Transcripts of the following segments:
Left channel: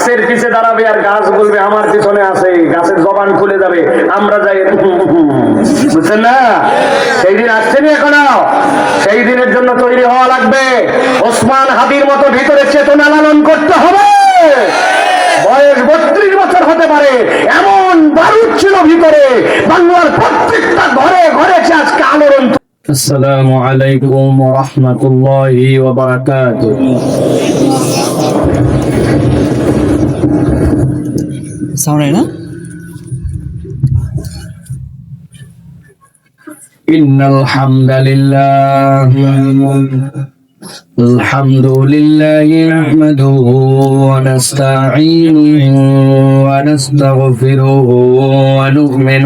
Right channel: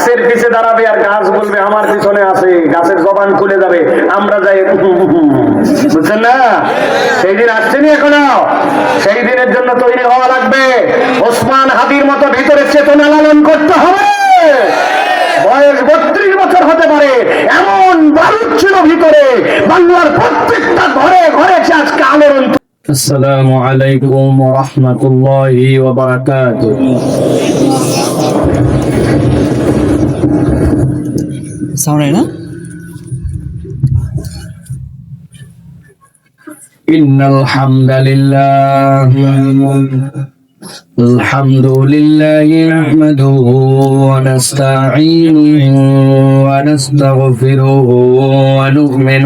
গাছের পিছে দাঁড়াবে আর গাছ বলবে আমার পিছনে আছে, গাছের জবান খুলে যাবে, আমরা যাই, বুঝছেন না? সেই দিন আসছেনি এখনো, সেই দিনের জন্য তৈরি হওয়া লাগবে। ওসমান হাদির মতো ভিতরে চেতনা লালন করতে হবে। বয়স 32 বছর হতে পারে, এমন বারুদ ছিল ভিতরে, বাংলার প্রত্যেকটা ঘরে ঘরে আজকে আলোড়ন। আসসালামু আলাইকুম ওয়া রাহমাতুল্লাহি ওয়া বারাকাতুহু। সাউন্ড না? ইন্নাল হামদালিল্লাহ الحمد لله نحمده ونستعينه ونستغفره ونؤمن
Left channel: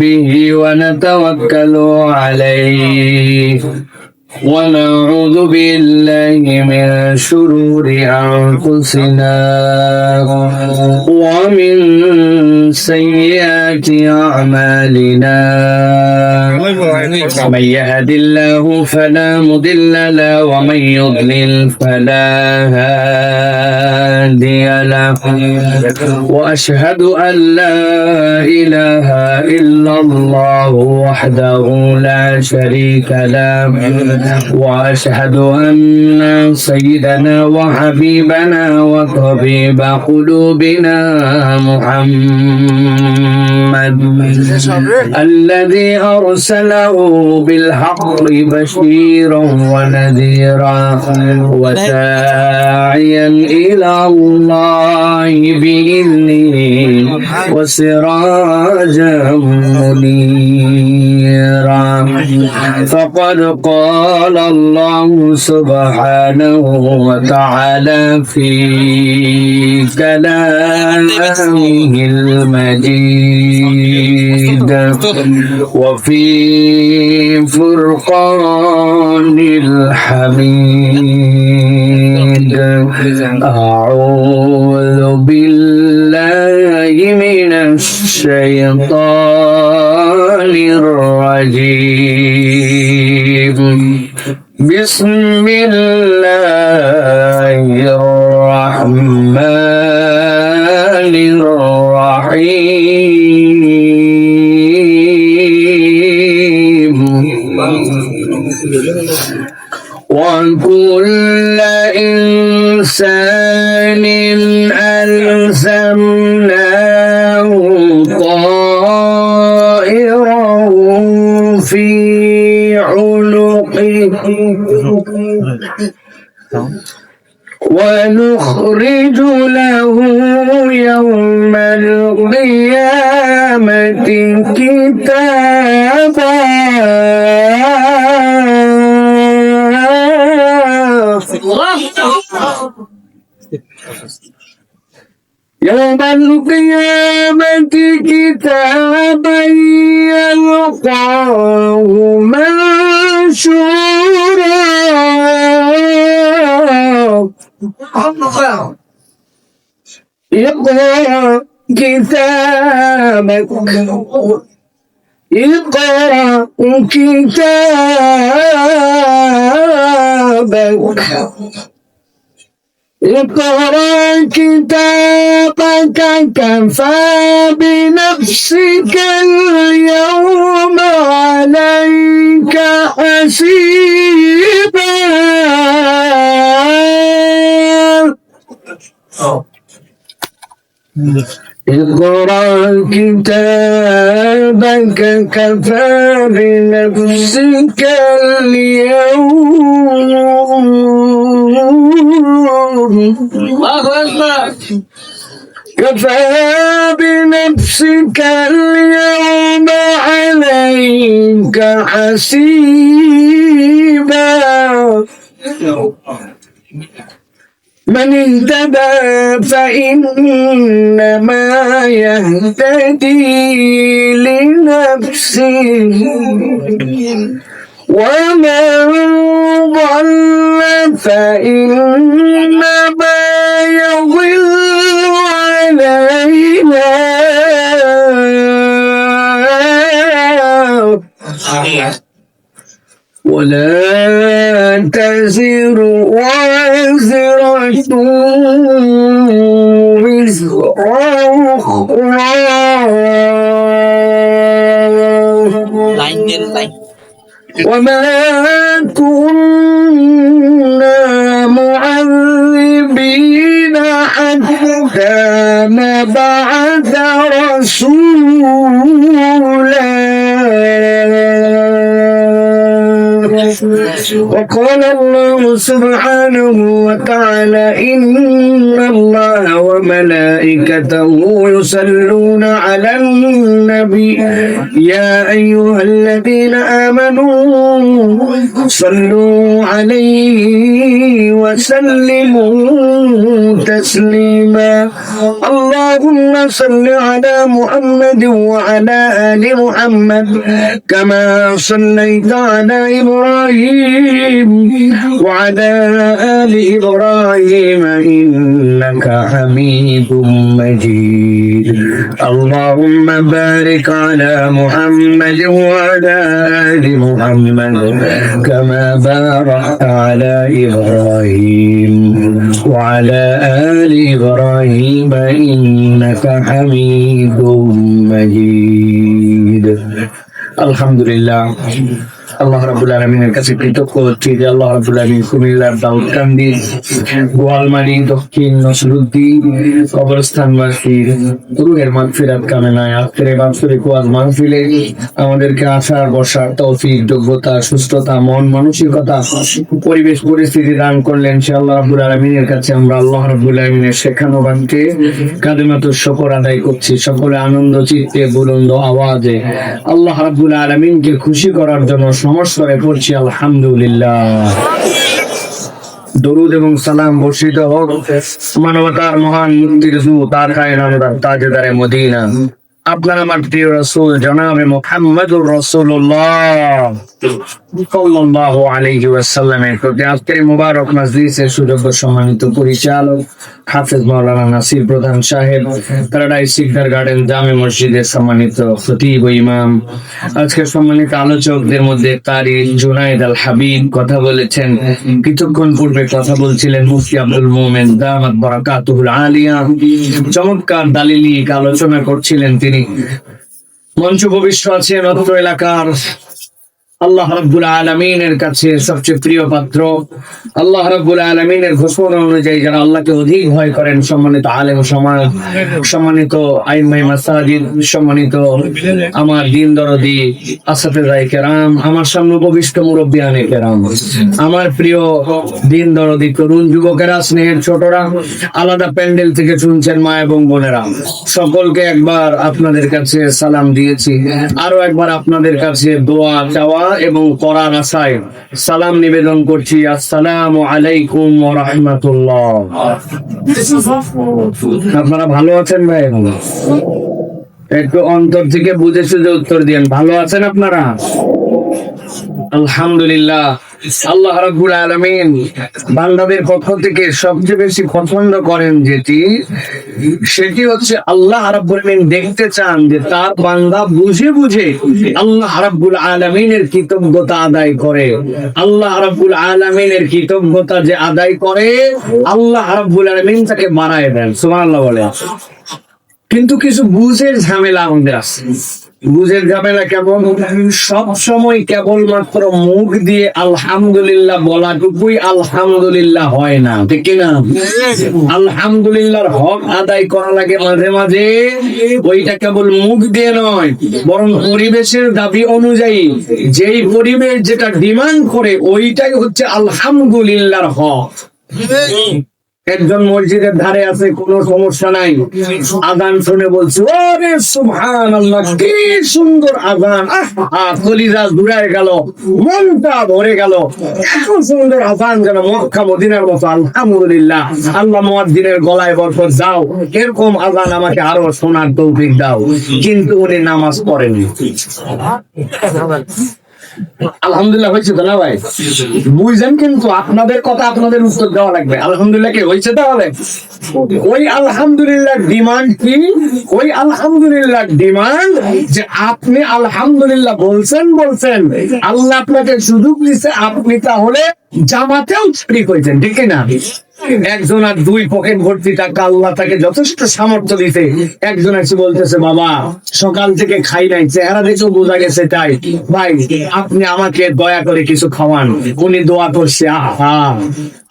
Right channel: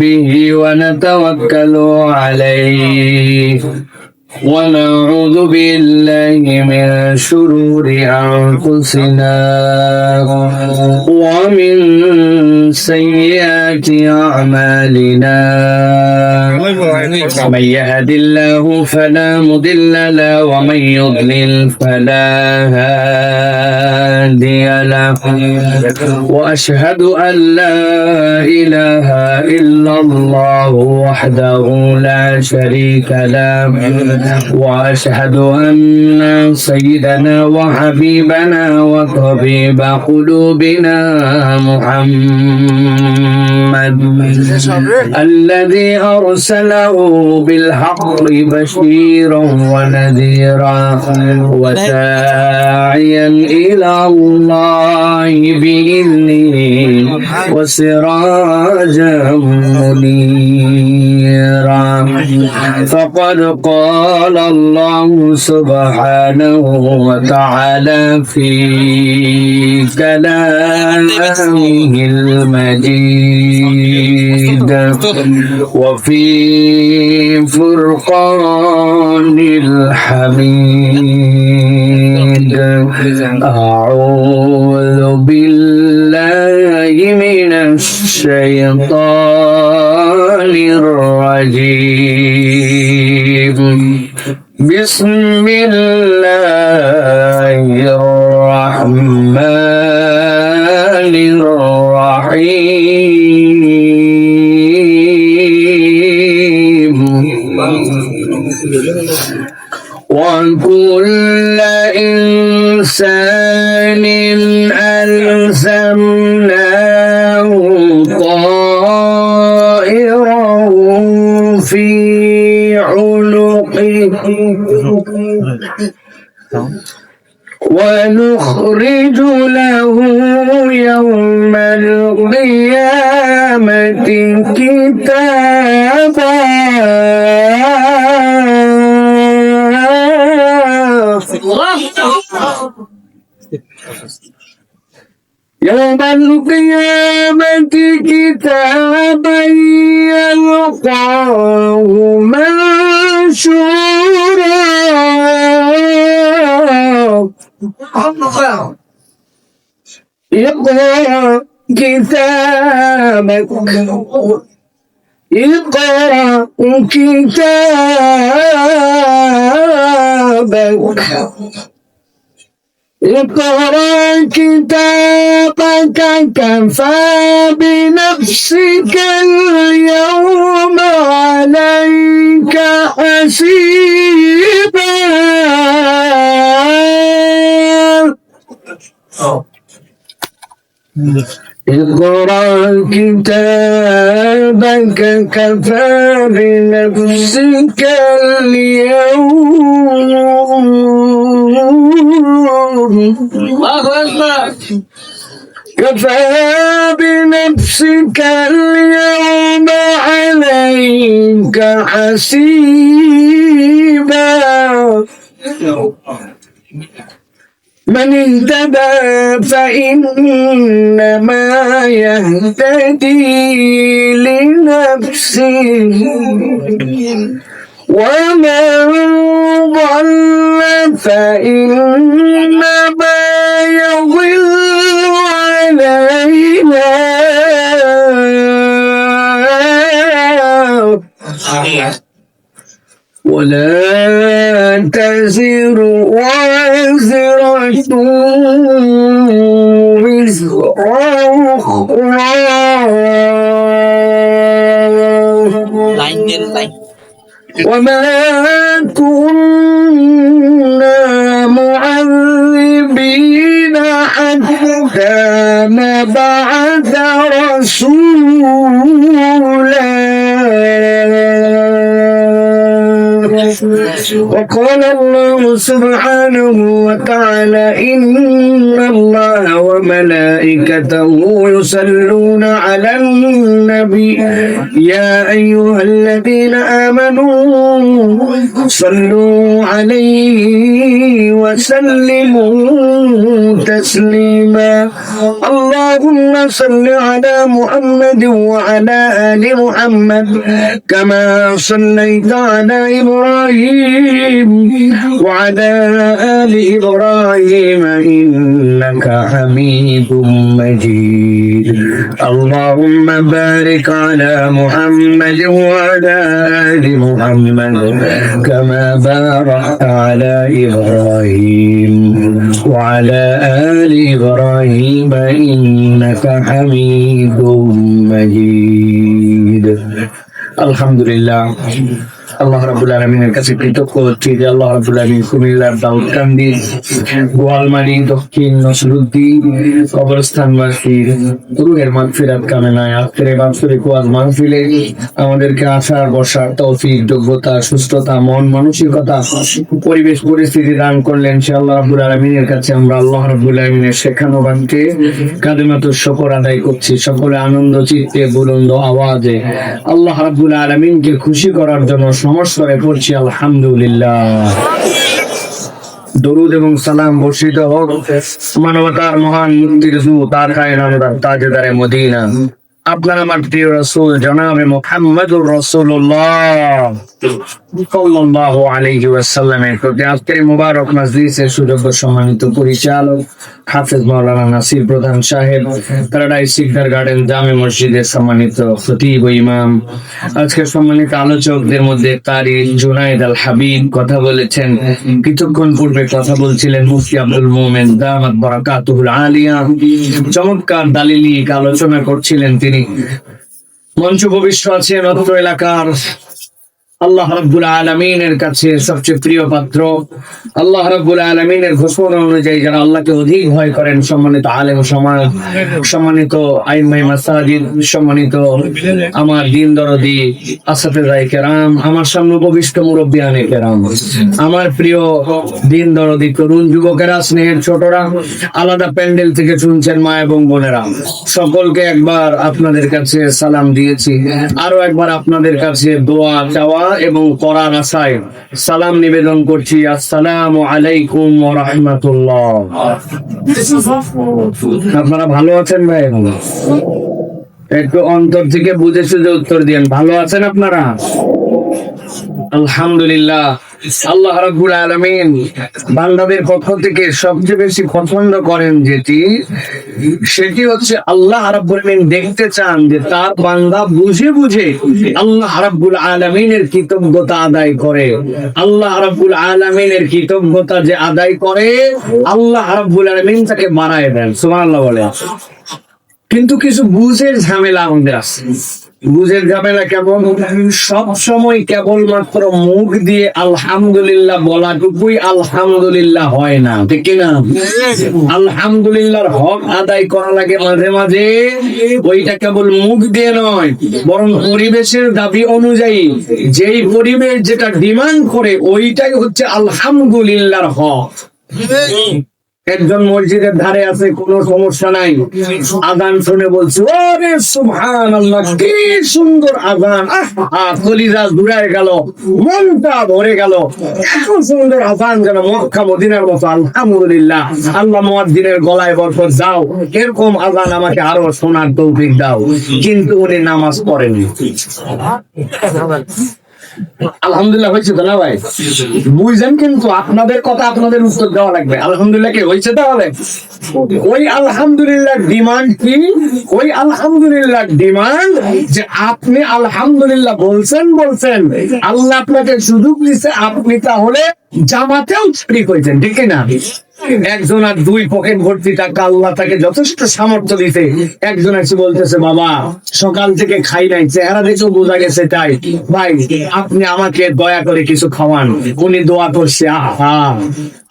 به ونتوكل عليه ونعوذ بالله من شرور أنفسنا ومن سيئات أعمالنا من يهد الله فلا مضل له ومن يضلل فلا هادي له وأشهد أن لا إله إلا الله وحده لا شريك له وأشهد أن سيدنا وحبيبنا وطبيب قلوبنا محمد الذي أرسله بالحق بشيرا ونذيرا وداعيا إلى الله بإذنه وسراجا منيرا فقد قال الله سبحانه وتعالى في كلامه المجيد وفي فرقان الحميد أعوذ بالله من الشيطان الرجيم بسم الله الرحمن الرحيم وكل إنسان ألزمناه طائره في عنقه ونخرج له يوم القيامة كتابا يوم القيامة كتابا يلقاه منشورا اقرأ كتابك اقرأ كتابك اقرأ كتابك كفى بنفسك اليوم عليك حسيبا اقرأ كتابك كفى بنفسك اليوم كفى بنفسك اليوم عليك حسيبا من اهتدى فإنما يهتدي لنفسه ومن ضل فإنما يضل علينا ولا تزر وازرة وزر أخرى وما كنا معذبين حتى نبعث رسولا وقال الله سبحانه وتعالى إن الله وملائكته يصلون على النبي يا أيها الذين آمنوا صلوا عليه وسلموا تسليما اللهم صل على محمد وعلى آل محمد كما صليت على إبراهيم وعلى آل إبراهيم إنك حميد مجيد اللهم بارك على محمد وعلى آل محمد كما باركت على إبراهيم وعلى آل إبراهيم إنك حميد مجيد الحمد لله আল্লাহ রাব্বুল আলামিনের কাছে কৃতজ্ঞ হচ্ছি যে আল্লাহ রাব্বুল আলামিন কুমিল্লার দাউদকান্দি গোয়ালমারি দক্ষিণ নসরুদ্দিন কবরস্থানবাসীর রুহের মাগফিরাত কামনায় আখিরে বাৎসরিক ওয়াজ মাহফিলে আমাদেরকে আসার বসার তৌফিক যোগ্যতা সুস্থতা মন মানসিকতা পরিবেশ পরিস্থিতি দান করলেন সে আল্লাহ রাব্বুল আলামিনের কাছে আমরা আল্লাহ রাব্বুল আলামিনের শেখানো বাণীকে কালিমাতুশ শুকর আদায় করছি সকলে আনন্দ চিত্তে বুলন্দ আওয়াজে আল্লাহ রাব্বুল আলামিনকে খুশি করার জন্য নমস্কার করছি আলহামদুলিল্লাহ দরুদ এবং সালাম বর্ষিত হোক মানবতার মহান মুক্তির দূত তার কায়নামদার তাজদারে মদিনা আপনার আমার প্রিয় রাসূল জনাবে মুহাম্মদুর রাসূলুল্লাহ সাল্লাল্লাহু আলাইহি ওয়াসাল্লামের প্রতি আজকের মুবারক মাজলিসের সুযোগ্য সম্মানিত পরিচালক হাফেজ মাওলানা নাসির প্রধান সাহেব প্যারাডাইস সিকদার গার্ডেন জামে মসজিদের সম্মানিত খতিব ও ইমাম আজকের সম্মানিত আলোচকদের মধ্যে কারি জুনায়েদ আল হাবিব কথা বলেছেন কিছুক্ষণ পূর্বে কথা বলছিলেন মুফতি আব্দুল মোমেন দামাত বারাকাতুহুল আলিয়া চমৎকার দালিলিক আলোচনা করছিলেন তিনি মঞ্চ ভবিষ্য আছেন অত্র এলাকার আল্লাহ রাব্বুল আলামিনের কাছে সবচেয়ে প্রিয় পাত্র আল্লাহ রাব্বুল আলামিনের ঘোষণা অনুযায়ী যারা আল্লাহকে অধিক ভয় করেন সম্মানিত আলেম সমাজ সম্মানিত আইম্মায়ে মাসাজিদ সম্মানিত আমার দিন দরদি আসহাবে কেরাম আমার সামনে উপবিষ্ট মুরব্বিয়ানে কেরাম আমার প্রিয় দিন দরদি তরুণ যুবকেরা স্নেহের ছোটরা আলাদা প্যান্ডেল থেকে শুনছেন মা এবং বোনেরা সকলকে একবার আপনাদের কাছে সালাম দিয়েছি আরো একবার আপনাদের কাছে দোয়া চাওয়া এবং করার আশায় সালাম নিবেদন করছি আসসালামু আলাইকুম ওয়া রাহমাতুল্লাহ আপনারা ভালো আছেন ভাই একটু অন্তর থেকে বুঝে সুঝে উত্তর দিন ভালো আছেন আপনারা আলহামদুলিল্লাহ আল্লাহ রাব্বুল আলামিন বান্দাদের পক্ষ থেকে সবচেয়ে বেশি পছন্দ করেন সেটি হচ্ছে আল্লাহ রাব্বুল আলামিন দেখতে চান যে তার বান্দা বুঝে বুঝে আল্লাহ রাব্বুল আলামিনের কৃতজ্ঞতা আদায় করে আল্লাহ রাব্বুল আলামিনের কৃতজ্ঞতা যে আদায় করে আল্লাহ রাব্বুল আলামিন তাকে বাড়ায় দেন সুবহানাল্লাহ বলে কিন্তু কিছু বুঝের ঝামেলা আমাদের আছে বুঝের ঝামেলা কেমন সব সময় কেবলমাত্র মুখ দিয়ে আলহামদুলিল্লাহ বলাটুকুই আলহামদুলিল্লাহ হয় না ঠিক কিনা আলহামদুলিল্লাহর হক আদায় করা লাগে মাঝে মাঝে ওইটা কেবল মুখ দিয়ে নয় বরং পরিবেশের দাবি অনুযায়ী যেই পরিবেশ যেটা ডিমান্ড করে ওইটাই হচ্ছে আলহামদুলিল্লাহর হক একজন মসজিদের ধারে আছে কোনো সমস্যা নাই আযান শুনে বলছে ওরে সুবহানাল্লাহ কি সুন্দর আযান কলিজা জুড়ায় গেল মনটা ভরে গেল এত সুন্দর আযান যেন মক্কা মদিনার মতো আলহামদুলিল্লাহ আল্লাহ মুয়াজ্জিনের গলায় বরকত দাও এরকম আযান আমাকে আরো শোনার তৌফিক দাও কিন্তু উনি নামাজ পড়েনি আলহামদুলিল্লাহ হয়েছে তো না ভাই বুঝছেন কিন্তু আপনাদের কথা আপনাদের উত্তর দেওয়া লাগবে আলহামদুলিল্লাহ কি হয়েছে তাহলে ওই আলহামদুলিল্লাহ ডিমান্ড কি ওই আলহামদুলিল্লাহ ডিমান্ড যে আপনি আলহামদুলিল্লাহ বলছেন আল্লাহ আপনাকে সুযোগ দিচ্ছে আপনি তাহলে জামাতেও শরীক হয়েছেন, ঠিক না? একজন আর দুই পকেট ভর্তি টাকা, আল্লাহ তাকে যথেষ্ট সামর্থ্য দিতে, একজন এসে বলতেছে বাবা সকাল থেকে খাই নাই, চেহারা দেখেও বোঝা গেছে, তাই ভাই আপনি আমাকে দয়া করে কিছু খাওয়ান। উনি দোয়া করছে, আহা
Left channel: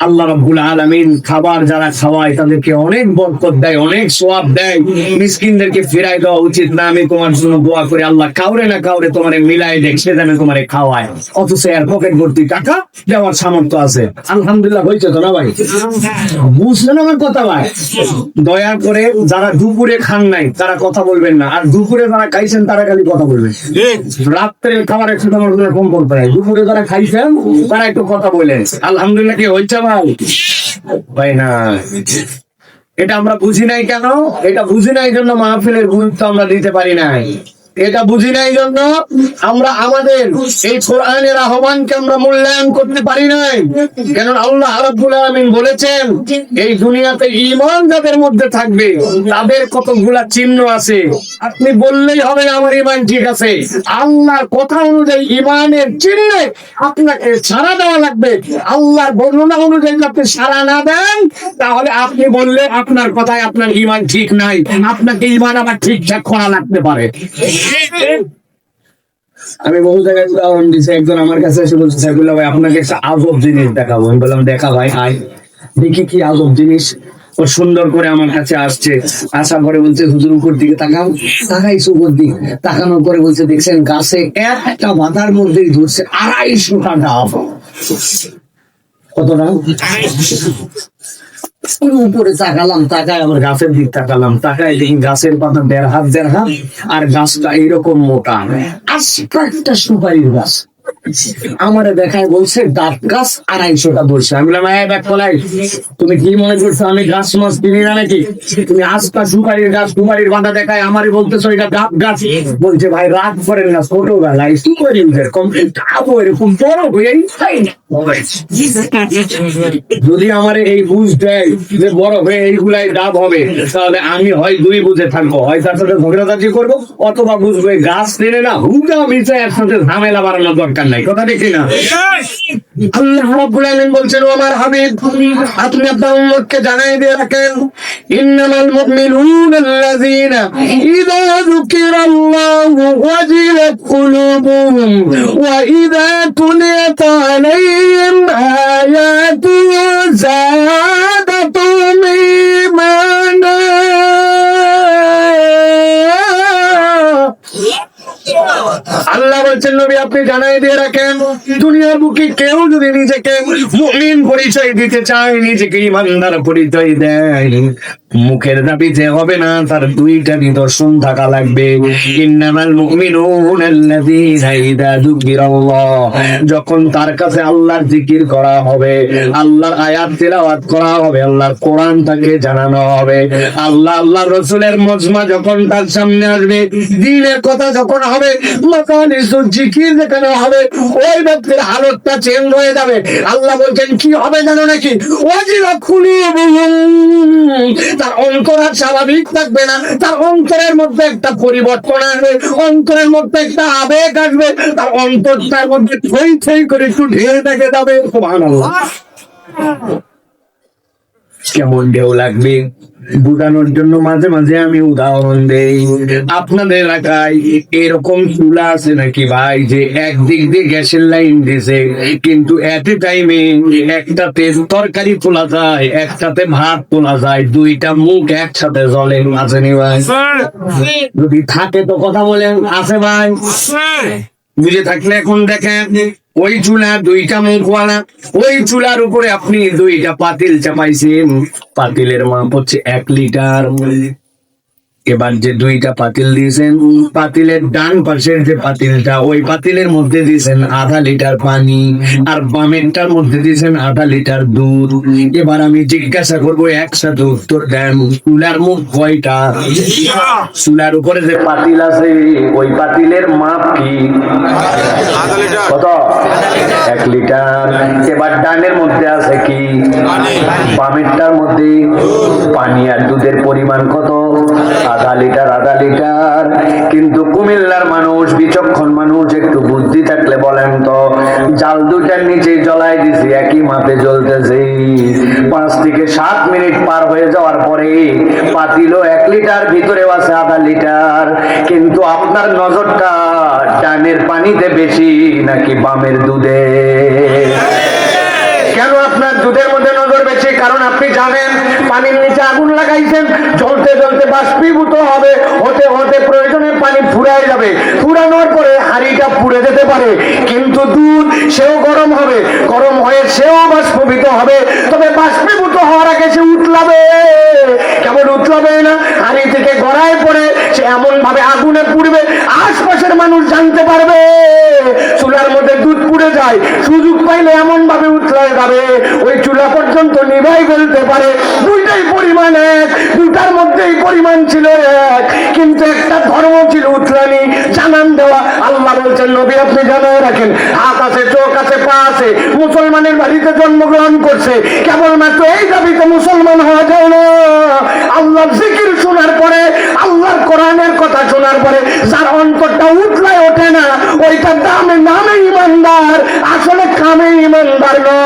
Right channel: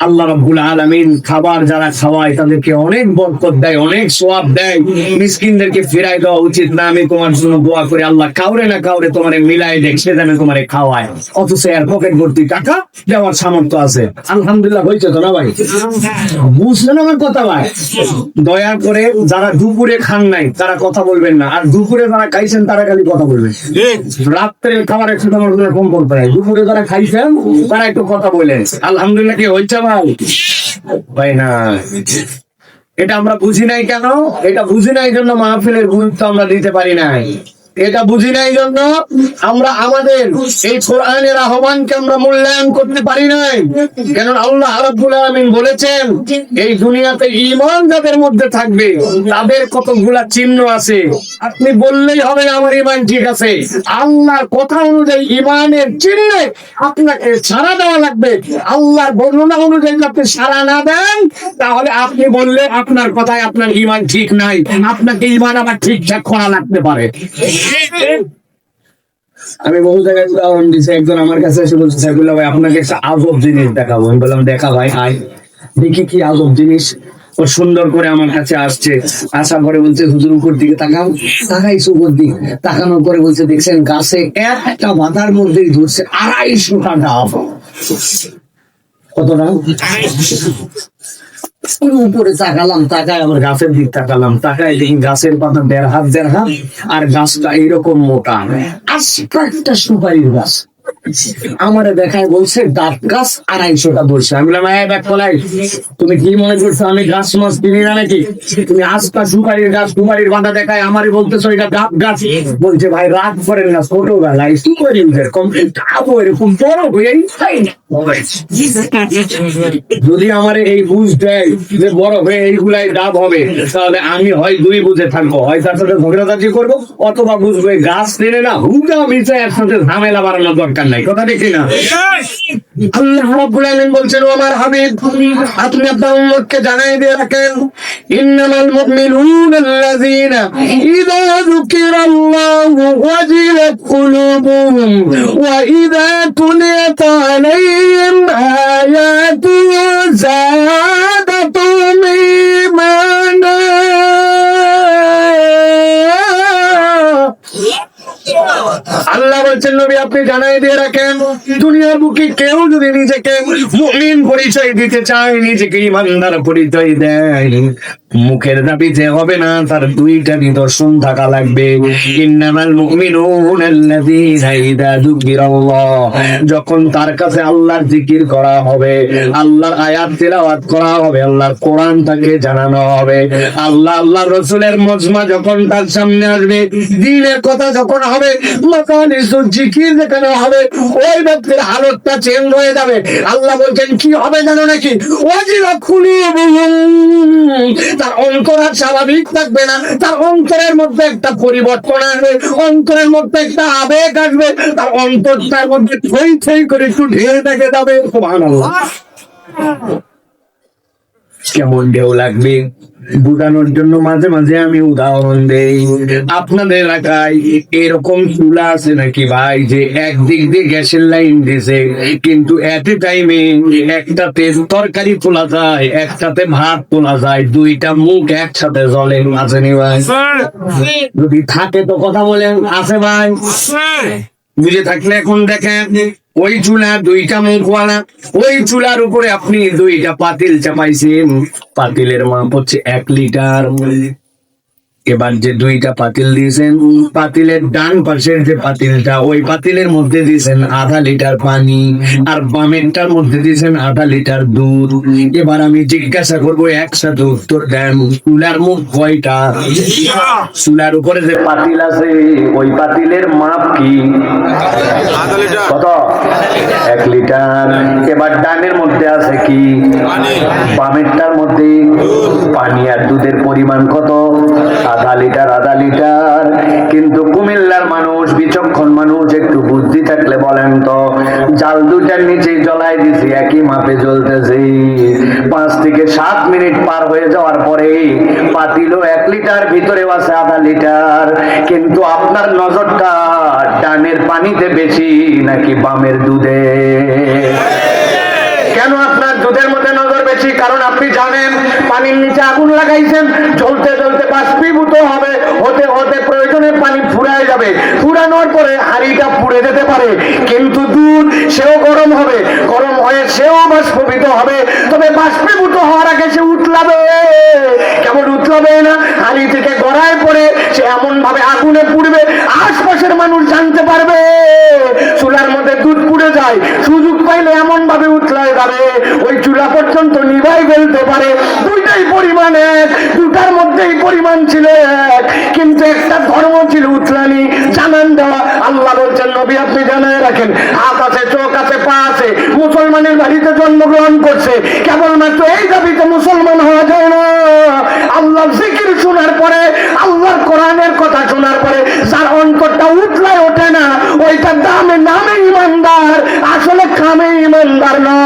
আল্লাহ রাব্বুল আলামিন খাবার যারা খাওয়ায় তাদেরকে অনেক বরকত দেয়, অনেক সওয়াব দেয়। মিসকিনদেরকে ফিরাই দেওয়া উচিত না? আমি তোমার জন্য দোয়া করি আল্লাহ কাউরে না কাউরে তোমারে মিলাই দেখ, সে যেন তোমারে খাওয়ায়, অথচ এর পকেট ভর্তি টাকা দেওয়ার সামর্থ্য আছে। আলহামদুলিল্লাহ হয়েছে তো না ভাই? বুঝলেন আমার কথা ভাই? দয়া করে যারা দুপুরে খান নাই তারা কথা বলবেন না, আর দুপুরে যারা খাইছেন তারা খালি কথা বলবেন। রাত্রে খাবার একটু আমার কম বলতে হয়, দুপুরে যারা খাইছেন তারা একটু কথা বলেন। আলহামদুলিল্লাহ কি হয়েছে ভাই? ভাই না, এটা আমরা বুঝি নাই কেন? এটা বুঝি নাই জন্য মাহফিলের গুরুত্ব আমরা দিতে পারি নাই। এটা বুঝি নাই জন্য আমরা আমাদের এই কোরআনের আহ্বানকে আমরা মূল্যায়ন করতে পারি নাই। কেন আল্লাহ রাব্বুল আলামিন বলেছেন এই দুনিয়াতে ঈমান যাদের মধ্যে থাকবে তাদের কতগুলা চিহ্ন আছে, আপনি বললেই হবে না আমার ঈমান ঠিক আছে। আল্লাহর কথা অনুযায়ী ঈমানের চিহ্নে আপনাকে সাড়া দেওয়া লাগবে। আল্লাহর বর্ণনা অনুযায়ী আপনি সাড়া না দেন তাহলে আপনি বললে আপনার কথায় আপনার ঈমান ঠিক নাই, আপনাকে ঈমান আবার ঠিকঠাক করা লাগতে পারে। আমি বহু জায়গায় উদাহরণ দিচ্ছি, একজন আমার কাছে এসে বলছে সাইফুল্লাহ ভাই আপনাকে একটা আজব জিনিস দেখাবো। আমি বললাম দেখা ভাই, আয় দেখি কি আজব জিনিস। ও সুন্দর করে আমার কাছে আসছে, আসার পরে বলছে হুজুর উপর দিকে তাকাও। তাকাইছে উপর দিকে, তাকানোর পরে বলছে দেখছেন গাছে একটা মাথার মধ্যেই ধরছে 250টা ডাব। কত ডাব? উপরে তাকালাম, তাকায় আবার গাছের দিক তাকালাম, তাকায় দেখি গাছের পাতা 1.5 হাত, আর গাছটা এরকম মোটা, আস্তে একটা সুপারির গাছ। আমারে দেখায় বলছে ডাব গাছ 250টা ধরছে। আমি বললাম তুমি কি মনে করছো আমি গাছ মাছ কিনি না নাকি? তুমি আস্তা সুপারির গাছ, সুপারির বাঁধা দেখায় আমারে বলতেছো এটা ডাব গাছ। বলছে ভাই রাগ করেন না, ছোটবেলায় সুপারি এরকম ডাব এরকম বড় হয়েই খাই না। যদি আমার এই বুঝ দেয় যে বড় হয়ে এইগুলাই ডাব হবে, তাহলে আমি হয় দুই বুঝে থাকবো, হয় তার সাথে ঝগড়াঝাটি করবো, অথবা বুঝবো গাছ টেনে না হুঙ্গা মিশে একসাথে ঝামেলা বাড়ানোর দরকার নাই। কথা দেখি না? আল্লাহ রাব্বুল আলামিন বলছেন ও আমার হাবিব আপনি আপনার উম্মতকে জানাই দিয়ে রাখেন ইন্নামাল মুমিনুনা আল্লাযীনা ইযা যুকিরাল্লাহু ওয়াজিলাত কুলুবুহুম ওয়া ইযা তুলিয়াত আলাইহিম আয়াতুহু যাদাতুহুম ঈমানা। আল্লাহ বলছেন নবী আপনি জানাই দিয়ে রাখেন দুনিয়ার বুকে কেউ যদি নিজেকে মুমিন পরিচয় দিতে চায়, নিজেকে ইমানদার পরিচয় দেয়, মুখের দাবিতে হবে না, তার দুইটা নিদর্শন থাকা লাগবে। ইন্নামাল মুমিনুনা আল্লাযীনা ইযা যুকিরাল্লাহ, যখন তার কাছে আল্লাহর জিকির করা হবে, আল্লাহর আয়াত তিলাওয়াত করা হবে, আল্লাহর কোরআন তাকে জানানো হবে, আল্লাহর রাসূলের মজমা যখন তার সামনে আসবে, দ্বীনের কথা যখন হবে, মাকানিসুল জিকির যেখানে হবে, ওই ব্যক্তির হালতটা চেঞ্জ হয়ে যাবে। আল্লাহ বলছেন কি হবে জানো নাকি? ওয়াজিলাত কুলুবুহুম, তার অন্তর আর স্বাভাবিক থাকবে না, তার অন্তরের মধ্যে একটা পরিবর্তন আসবে, অন্তরের মধ্যে একটা আবেগ আসবে, তার অন্তরটার মধ্যে থই থই করে একটু ঢেউ দেখে যাবে। সুবহানাল্লাহ, কেমন ঢেউ লাগবে বুঝানোর জন্য মাঝে মাঝে আমি উদাহরণ দেই। আপনাদের এলাকায় এরকম চুলা আছে নাকি ভাই যে একদিক দিয়ে গ্যাসের লাইন দিছে, কিন্তু এট এ টাইমে একটাতে তরকারি তোলা যায়, একটাতে ভাত তোলা যায়, দুইটা মুখ একসাথে জ্বলে? আসেনি ভাই? যদি থাকে তো কথা বলেন, আছে ভাই? বুঝে থাকলে এখন দেখেন ওই চুলা দুইটা মুখওয়ালা, ওই চুলার উপরে আপনি দুইটা পাতিল চাপাইছেন, পাতিলের মাপ হচ্ছে 1 লিটার। এবার যে দুইটা পাতিল দিয়েছেন, পাতিলের ডান পাশের যে পাতিলটা, ওই পাতিলের মধ্যে দিয়েছেন 1/2 লিটার পানি, আর বামেরটার মধ্যে দিয়েছেন 1/2 লিটার দুধ। এবার আমি জিজ্ঞাসা করবো, একসাথে উত্তর দেন, চুলার মুখ কয়টা? চুলার উপরে যে পাতিল আছে ওই পাতিলের মাপ কি? কত? 1 লিটার। এবার ডানের মধ্যে আছে কি? বামেরটার মধ্যে পানি, আর দুধের পরিমাণ কত? 1/2 লিটার 1/2 লিটার। কিন্তু কুমিল্লার মানুষ, বিচক্ষণ মানুষ, একটু বুদ্ধি থাকলে বলেন তো, জাল দুইটার নিচে জ্বলাই দিছি 1 চলতেছে। 5 থেকে 7 মিনিট পার হয়ে যাওয়ার পরে পাতিলো 1 লিটার, ভিতরে আছে আধা লিটার। কিন্তু আপনার নজরটা ডানের পানিতে বেশি নাকি বামের দুধে? কেন আপনার দুধের মধ্যে নজর বেশি? কারণ আপনি জানেন পানির নিচে আগুন লাগাইছেন, জ্বলতে জ্বলতে বাষ্পীভূত হবে, হতে হতে প্রয়োজনে পানি ফুরায় যাবে, ফুরানোর পরে হাঁড়িটা পুড়ে যেতে পারে। কিন্তু দুধ সেও গরম হবে, গরম হয়ে সেও বাষ্পীভূত হবে, তবে বাষ্পীভূত হওয়ার আগে সে উতলাবে। কেমন উতলাবে না? হাঁড়ি থেকে গড়ায় পড়ে সে এমন ভাবে আগুনে পুড়বে, আশপাশের মানুষ জানতে পারবে চুলার মধ্যে দুধ পুড়ে যায়। সুযোগ পাইলে এমন ভাবে উতলায় যাবে ওই চুলা পর্যন্ত নিভাই ফেলতে পারে। দুইটাই পরিমাণ এক, দুটার মধ্যেই পরিমাণ ছিল এক, কিন্তু একটা ধর্ম ছিল উতলানি, জানান দেওয়া। আল্লাহ বলছেন নবী আপনি জানায় রাখেন, হাত আছে, চোখ আছে, পা আছে, মুসলমানের বাড়িতে জন্মগ্রহণ করছে, কেবলমাত্র এই দাবিতে মুসলমান হওয়া যায় না। আল্লাহর জিকির শোনার পরে, আল্লাহর কোরআনের কথা শোনার পরে যার অন্তরটা উতলায় ওঠে না, ওইটার দামে নামে ইমানদার, আসলে কামে ইমানদার নয়।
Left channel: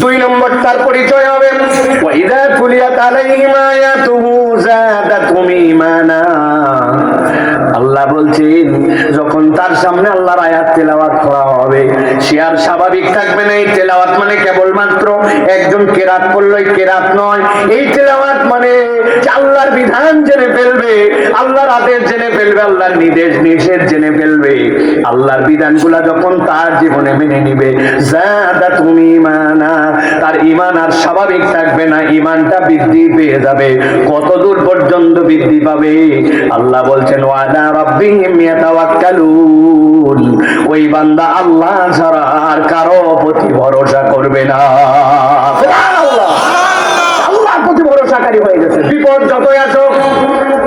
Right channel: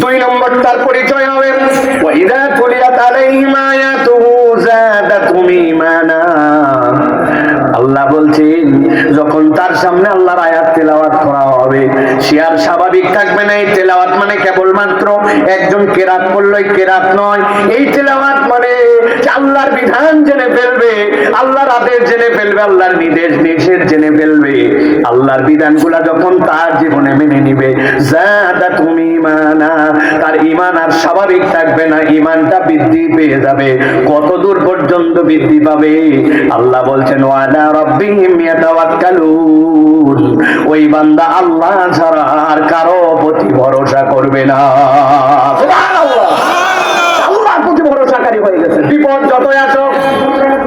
2 নম্বর তার পরিচয় হবে ওয়াইদা তুলিয়াত আলাইহিম আয়াতুহু যাদাতুহুম ঈমানা। আল্লাহ বলছেন যখন তার সামনে আল্লাহর আয়াত তেলাওয়াত করা হবে, সে আর স্বাভাবিক থাকবে না। এই তেলাওয়াত মানে কেবলমাত্র একজন কেরাত পড়লই কেরাত নয়। এই তেলাওয়াত মানে আল্লাহর বিধান জেনে ফেলবে, আল্লাহর আদেশ জেনে ফেলবে, আল্লাহর নির্দেশ নিষেধ জেনে ফেলবে। আল্লাহর বিধানগুলা যখন তার জীবনে মেনে নিবে, যাদাতুহুম ঈমানা, তার ঈমান আর স্বাভাবিক থাকবে না, ঈমানটা বৃদ্ধি পেয়ে যাবে। কত দূর পর্যন্ত বৃদ্ধি পাবে? আল্লাহ বলছেন ওয়ালা রাব্বিহিম ইয়াতাওয়াক্কালুন, ওই বান্দা আল্লাহ ছাড়া আর কারো প্রতি ভরসা করবে না। সুবহানাল্লাহ, আল্লাহর প্রতি ভরসাকারী হয়ে গেছে। বিপদ যতই আসুক,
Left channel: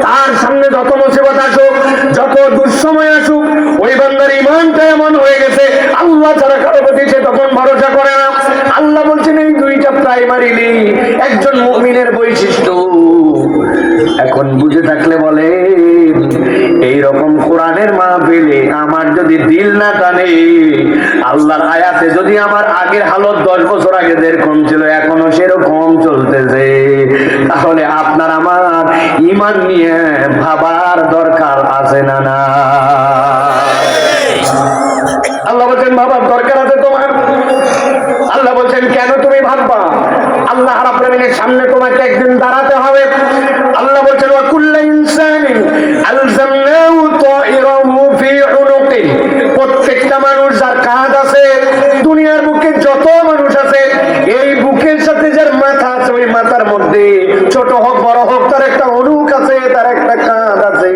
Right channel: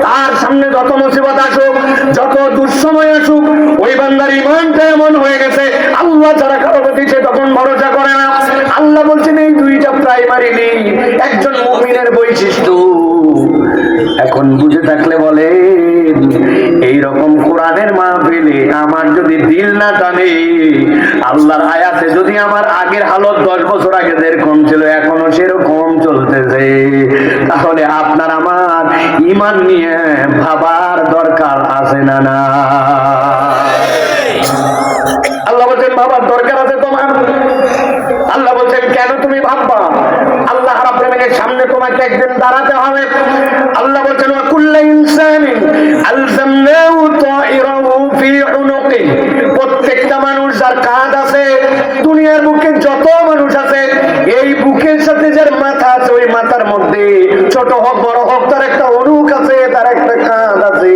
তার সামনে যত মুসিবত আসুক, যত দুঃসময় আসুক, ওই বান্দার ঈমানটা এমন হয়ে গেছে আল্লাহ ছাড়া কারো প্রতি সে তখন ভরসা করে না। আল্লাহ বলছেন এই দুইটা প্রাইমারি নেই একজন মুমিনের বৈশিষ্ট্য। এখন বুঝে থাকলে বলে এইরকম কোরআনের মাহফিলে আমার যদি দিল না টানে, আল্লাহর আয়াতে যদি আমার আগের হালত 10 বছর আগে যেরকম ছিল এখনো সেরকম চলতেছে, তাহলে আপনার আমার ঈমান নিয়ে ভাবার দরকার আছে না? না, আল্লাহ বলছেন ভাবার দরকার আছে তোমার। আল্লাহ বলছেন কেন তুমি ভাববা? আল্লাহ রাব্বুল আলামিনের সামনে তোমাকে একদিন দাঁড়াতে হবে। আল্লাহ বলছেন ওয়া কুল্লু ইনসানিন আলজামনাহু তাইরাহু ফি উনুকি, প্রত্যেকটা মানুষ যার কাঁধ আছে, দুনিয়ার বুকে যত মানুষ আছে, এই বুকের সাথে যার মাথা আছে, ওই মাথার মধ্যে ছোট হোক বড় হোক তার একটা অনুক আছে, তার একটা কাঁধ আছে,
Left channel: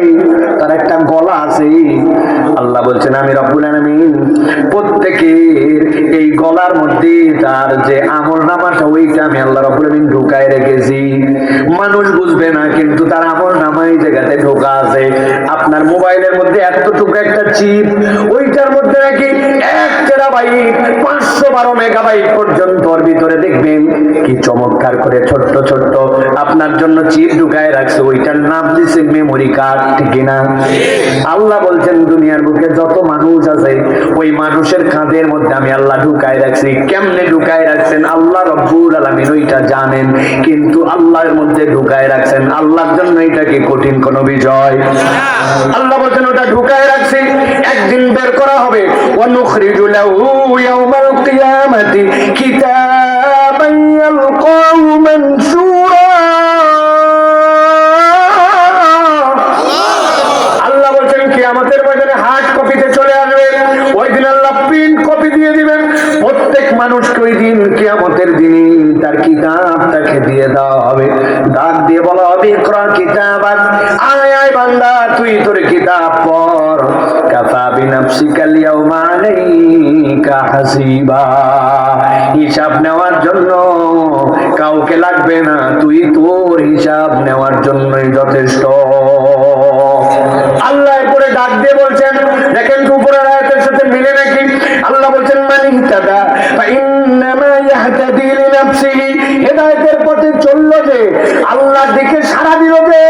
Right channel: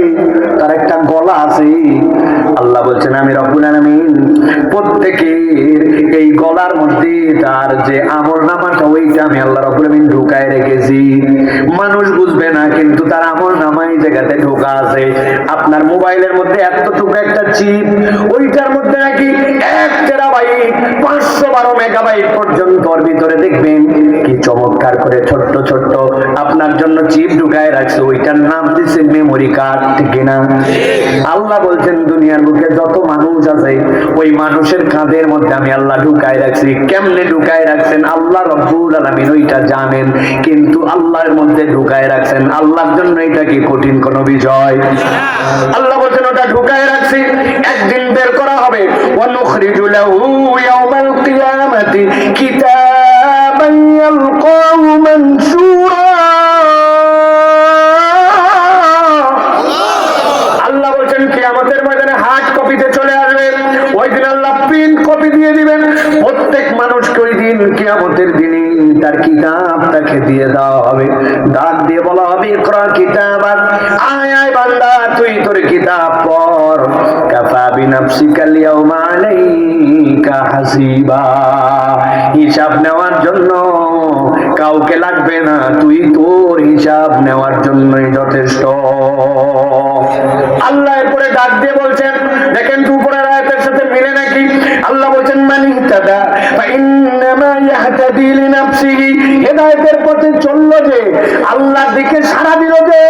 তার একটা গলা আছে। আল্লাহ বলছেন আমি রব্বুল আলামিন প্রত্যেকের এই গলার মধ্যে তার যে আমলনামাটা, ওইটা আমি আল্লাহ রাব্বুল আলামিন ঢুকায় রেখেছি। মানুষ বুঝবে না, কিন্তু তার আমলনামা এই জায়গাতে ঢোকা আছে। আপনার মোবাইলের মধ্যে এতটুকু একটা চিপ, ওইটার মধ্যে নাকি 1 টেরাবাইট 512 মেগাবাইট পর্যন্ত ভিতরে দেখবেন কি চমৎকার করে ছোট্ট ছোট্ট আপনার জন্য চিপ ঢুকায় রাখছে, ওইটার নাম দিচ্ছে মেমোরি কার্ড, ঠিক না? আল্লাহ বলছেন দুনিয়ার বুকে যত মানুষ আছে ওই মানুষের কাঁধের মধ্যে আমি আল্লাহ ঢুকায় রাখছি। কেমনে ঢুকায় রাখছেন আল্লাহ রাব্বুল আলামিন ওইটা জানেন, কিন্তু আল্লাহর মধ্যে ঢুকায় রাখছেন। আল্লাহর জন্য এটা কি কঠিন কোনো বিষয়? আল্লাহ বলছেন ওটা ঢুকায় রাখছি, একদিন বের করা হবে। ওয়া নুখরিজু লাহু ইয়াওমাল কিয়ামাতি কিতাবান ইয়ালকাহু মানশুরা। আল্লাহ বলছেন কিয়ামতের ময়দানে হার্ড কপিতে চলে আসবে, ওই দিন আল্লাহ প্রিন্ট কপি দিয়ে দিবেন। প্রত্যেক মানুষকে ওই দিন কিয়ামতের দিনে তার কিতাবটাকে দিয়ে দেওয়া হবে, ডাক দিয়ে বলা হবে ইকরা কিতাবাক, আয় আয় বান্দা তুই তোর কিতাব পড়। কাফা বিনাফসিকাল ইয়াউমা আলাইকা হাসিবা, হিসাব নেওয়ার জন্য কাউকে লাগবে না, তুই তোর হিসাব নেওয়ার জন্যই যথেষ্ট। আল্লাহ এরপরে ডাক দিয়ে বলছেন, দেখেন তো উপরের আয়াতের সাথে মিলে নাকি? আল্লাহ বলছেন মান ইহতাদা ফাইন্নামা ইয়াহতাদি লিনাফসিহি, হেদায়েতের পথে চললো যে, আল্লাহর দিকে সাড়া দিল যে,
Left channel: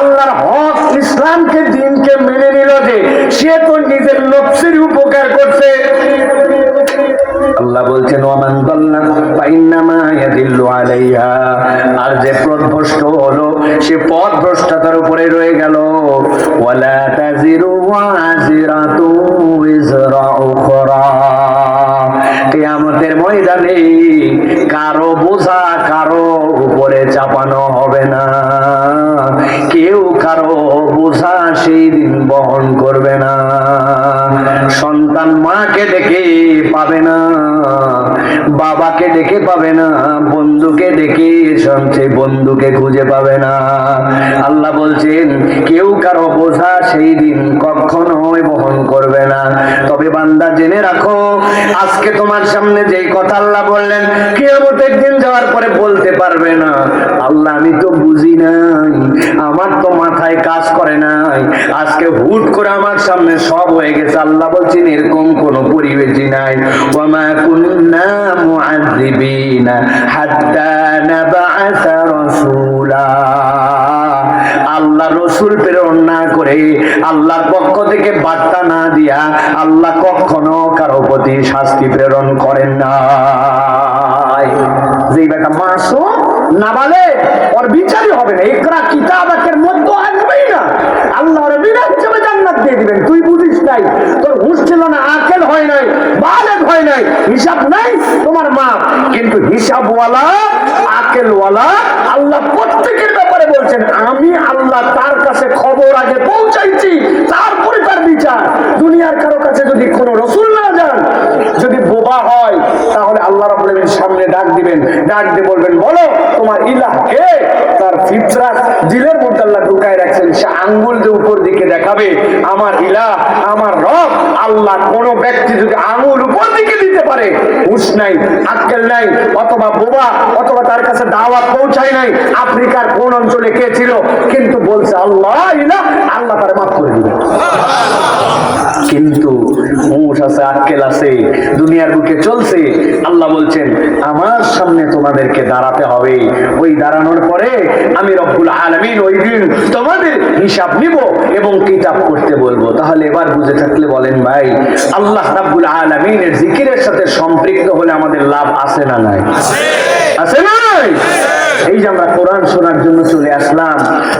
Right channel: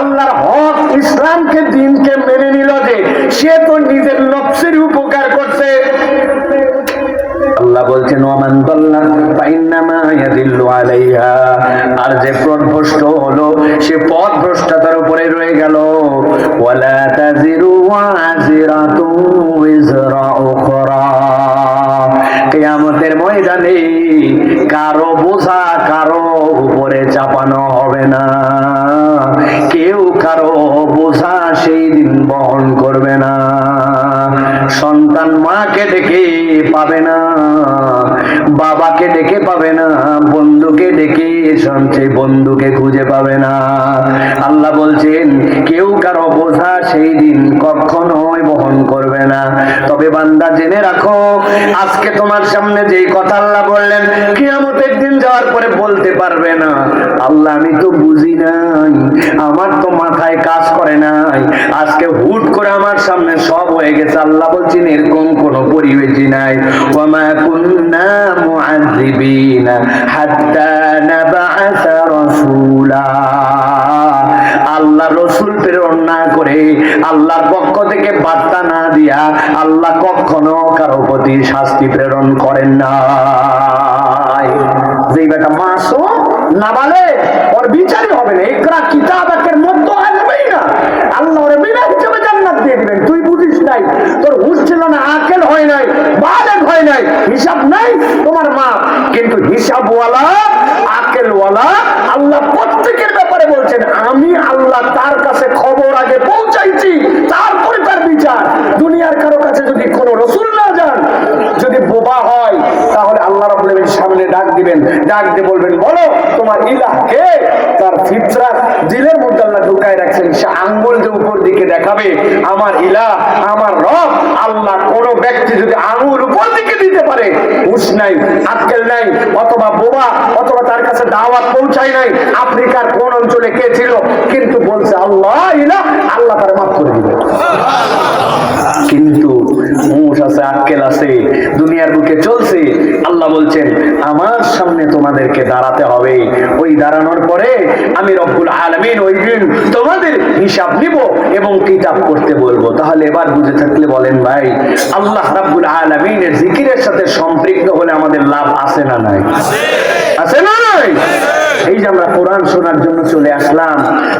আল্লাহর হক ইসলামকে দিনকে মেনে নিল যে, সে তো নিজের নফসের উপকার করছে। সে পথ ভ্রষ্টতার উপরে রয়ে গেল। ওয়ালা তাজিরু ওয়াজিরাতু উযরা উখরা, কিয়ামতের ময়দানে কারো বোঝা কারো উপরে চাপানো হবে না, কেউ কারো বোঝা সেই দিন বহন করবে না। সন্তান মাকে ডেকে পাবে না, বাবাকে ডেকে পাবে না, বন্ধুকে ডেকে সঞ্চয় বন্ধুকে খুঁজে পাবে না। আল্লাহ বলছেন কেউ কারো বোঝা সেই দিন কখনোই বহন করবে না। তবে বান্দা জেনে রাখো, আজকে তোমার সামনে যেই কথা আল্লাহ বললেন, কিয়ামতের দিন যাওয়ার পরে বলতে পারবে না আল্লাহ আমি তো বুঝি নাই, আমার তো মাথায় কাজ করে নাই, আজকে হুট করে আমার সামনে সব হয়ে গেছে। আল্লাহ বলছেন এরকম কোন পরিবেশই নাই। ওয়ামা কুন্না মুআযিবিনা হাত্তা নাবআসা রাসূলা, আল্লাহ রসুল প্রেরণ না করে, আল্লাহর পক্ষ থেকে বার্তা না দিয়া আল্লাহ কখনো কারো প্রতি শাস্তি প্রেরণ করেন না। যে বেটা মাসুম নাবালেগ ওর বিচারই হবে না, ইকরা কিতাবাকের মধ্যে আসবেই না, আল্লাহ ওর বিনা হিসেবে জান্নাত দিয়ে দিবেন। তুই বুঝিস নাই, তোর হুঁশ ছিল না, আকেল হয় নাই, বালেগ হয় নাই, হিসাব নাই তোমার মা, কিন্তু হিসাবওয়ালা আকেলওয়ালা আল্লাহ প্রত্যেকের ব্যাপারে বলছেন আমি আল্লাহ তার কাছে খবর আগে পৌঁছাইছি, তারপরে তার বিচার। দুনিয়ার কারো কাছে যদি কোনো রসুল না যান, যদি বোবা হয়, তাহলে আল্লাহ রাব্বুল আলামিন সামনে ডাক দিবেন, ডাক দিয়ে বলবেন বলো তোমার ইলাহ কে। তার ফিতরাত দিলের মধ্যে আল্লাহ ঢুকায় রাখছেন, সে আঙ্গুল দিয়ে উপর দিকে দেখাবে আমার ইলাহ আমার রব আল্লাহ। কোন ব্যক্তি যদি আঙ্গুল উপর দিকে দিতে পারে, হুঁশ নাই, আক্কেল নাই, অথবা বোবা, অথবা তার কাছে দাওয়াত পৌঁছায় নাই, আফ্রিকার কোন অঞ্চলে কে ছিল, কিন্তু বলছে আল্লাহ ইলাহ, আল্লাহ তারে মাফ করে দিবে। কিন্তু হুঁশ আছে, আক্কেল আছে, দুনিয়ার বুকে চলছে, আল্লাহ বলছেন আমার সামনে তোমাদেরকে দাঁড়াতে হবে। ওই দাঁড়ানোর পরে আমি রব্বুল আলামিন ওই দিন তোমাদের হিসাব নিব এবং কিতাব করতে বলবো। তাহলে এবার বুঝে থাকলে বলেন ভাই, আল্লাহ রাব্বুল আলামিনের জিকিরের সাথে সম্পৃক্ত হলে আমাদের লাভ আছে না নাই? আছে না নাই? এই যে আমরা কোরআন শোনার জন্য চলে আসলাম,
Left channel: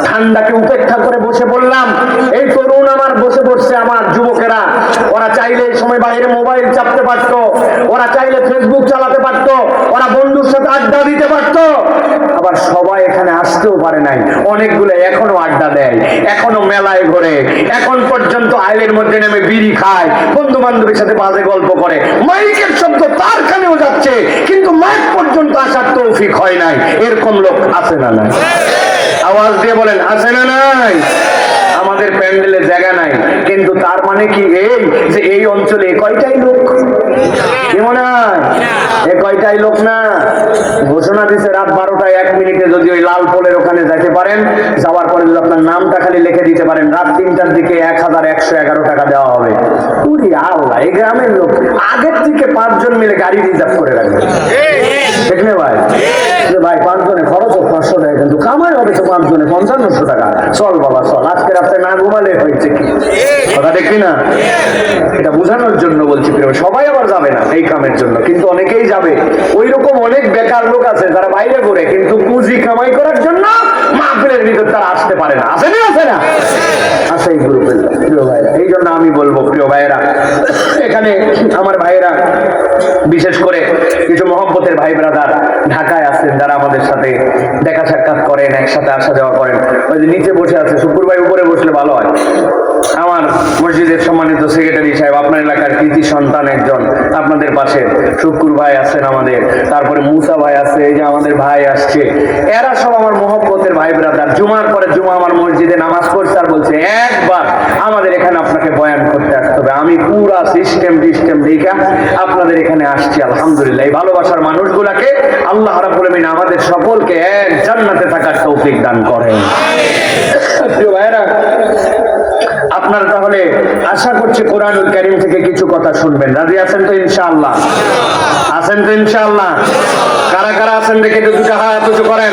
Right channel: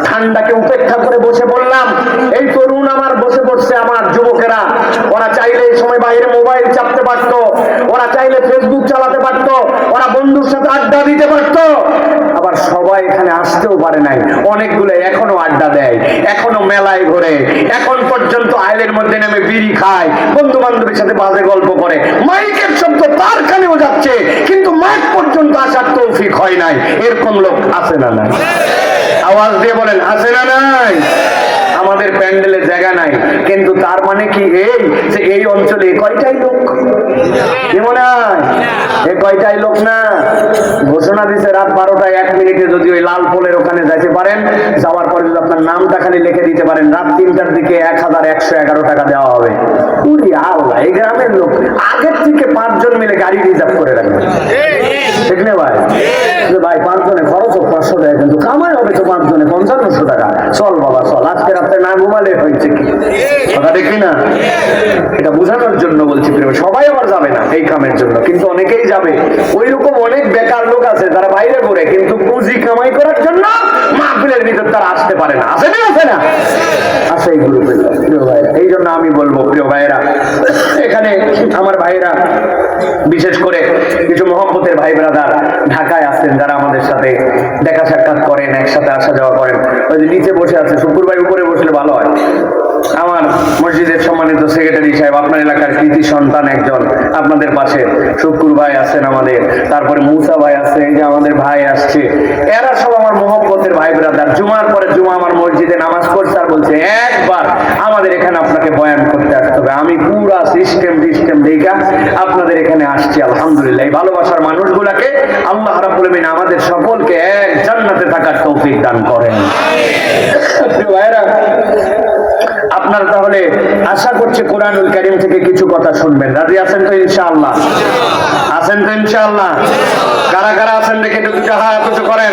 ঠান্ডাকে উপেক্ষা করে বসে পড়লাম। এই তরুণ আমার বসে পড়ছে, আমার যুবকেরা, ওরা চাইলে এই সময় বাইরে মোবাইল চাপতে পারতো, ওরা চাইলে ফেসবুক চালাতে পারতো, ওরা বন্ধুর সাথে আড্ডা দিতে পারতো। আবার সবাই এখানে আসতেও পারে নাই, অনেকগুলো এখনো আড্ডা দেয়, এখনো মেলায় ঘোরে, এখন পর্যন্ত আইলের মধ্যে নেমে বিড়ি খায়, বন্ধু বান্ধবের সাথে বাজে গল্প করে, মাইকের শব্দ তার কানেও যাচ্ছে, কিন্তু মাইক পর্যন্ত আসার তৌফিক হয় নাই। এরকম লোক আছে না নাই? আওয়াজ দিয়ে বলেন আছে না নাই? আমাদের প্যান্ডেলে জায়গা নাই, কিন্তু তার মানে কি এই যে এই অঞ্চলে কয়টাই লোক, কি মনে হয় এ কয়টাই লোক না? ঘোষণা দিছে রাত 12টায় 1 মিনিটে যদি ওই লাল পোলের ওখানে যেতে পারেন, যাওয়ার পরে যদি আপনার নামটা খালি লিখে দিতে পারেন, রাত 3টার দিকে 1111 টাকা দেওয়া হবে। উরি আল্লাহ, এই গ্রামের লোক আগের থেকে 5 জন মিলে গাড়ি রিজার্ভ করে রাখবে, ঠিক না ভাই? ভাই 5 জনে খরচ 500 টাকা, কিন্তু কামাই হবে তো 5 জনে 5500 টাকা। চল বাবা চল, আজকে রাস্তায় না ঘুমালে হয়েছে কি কথা দেখি না? এটা বোঝানোর জন্য বলছি, সবাই আবার যাবে না এই কামের জন্য, কিন্তু অনেকেই যাবে। ওই রকম অনেক বেকার লোক আছে যারা বাইরে ঘুরে, কিন্তু পুঁজি কামাই করার জন্য মাহফিলের ভিতর তারা আসতে পারে না। আছে না? আছে না? আছে এই গ্রুপের প্রিয় ভাইরা। এই জন্য আমি বলবো প্রিয় ভাইরা, এখানে আমার ভাইরা বিশেষ করে কিছু মহব্বতের ভাই ব্রাদার ঢাকায় আছেন, যারা আমাদের সাথে দেখা সাক্ষাৎ করেন, একসাথে আসা যাওয়া করেন। ওই যে নিচে বসে আছে শুকুর ভাই, উপরে বসলে ভালো হয়। আমার মসজিদের সম্মানিত সেক্রেটারি সাহেব, আপনার এলাকার কৃতি সন্তান একজন, আপনাদের পাশে শুকুর ভাই আছেন আমাদের, তারপরে মুসা ভাই আছে, এই যে আমাদের ভাই আসছে, এরা সব আমার মহব্বতের ভাই ব্রাদার। জুমার পরে জুমা আমার মসজিদে নামাজ পড়ছে, আর বলছে একবার আমাদের এখানে আপনাকে বয়ান করতে আসতে হবে। আমি পুরা সিস্টেম দেখা আপনাদের এখানে আসছি। আলহামদুলিল্লাহ, এই ভালোবাসার মানুষগুলাকে আল্লাহ রাব্বুল আলামিন আমাদের সকলকে এক জান্নাতে থাকার তৌফিক দান করেন। প্রিয় ভাইরা, আপনারা তাহলে আশা করছি কোরআনুল কারীম থেকে কিছু কথা শুনবেন। রাজি আছেন তো ইনশাআল্লাহ? আছেন তো ইনশাআল্লাহ? কারা কারা আছেন দেখে একটু দুটো হাত উঁচু করেন।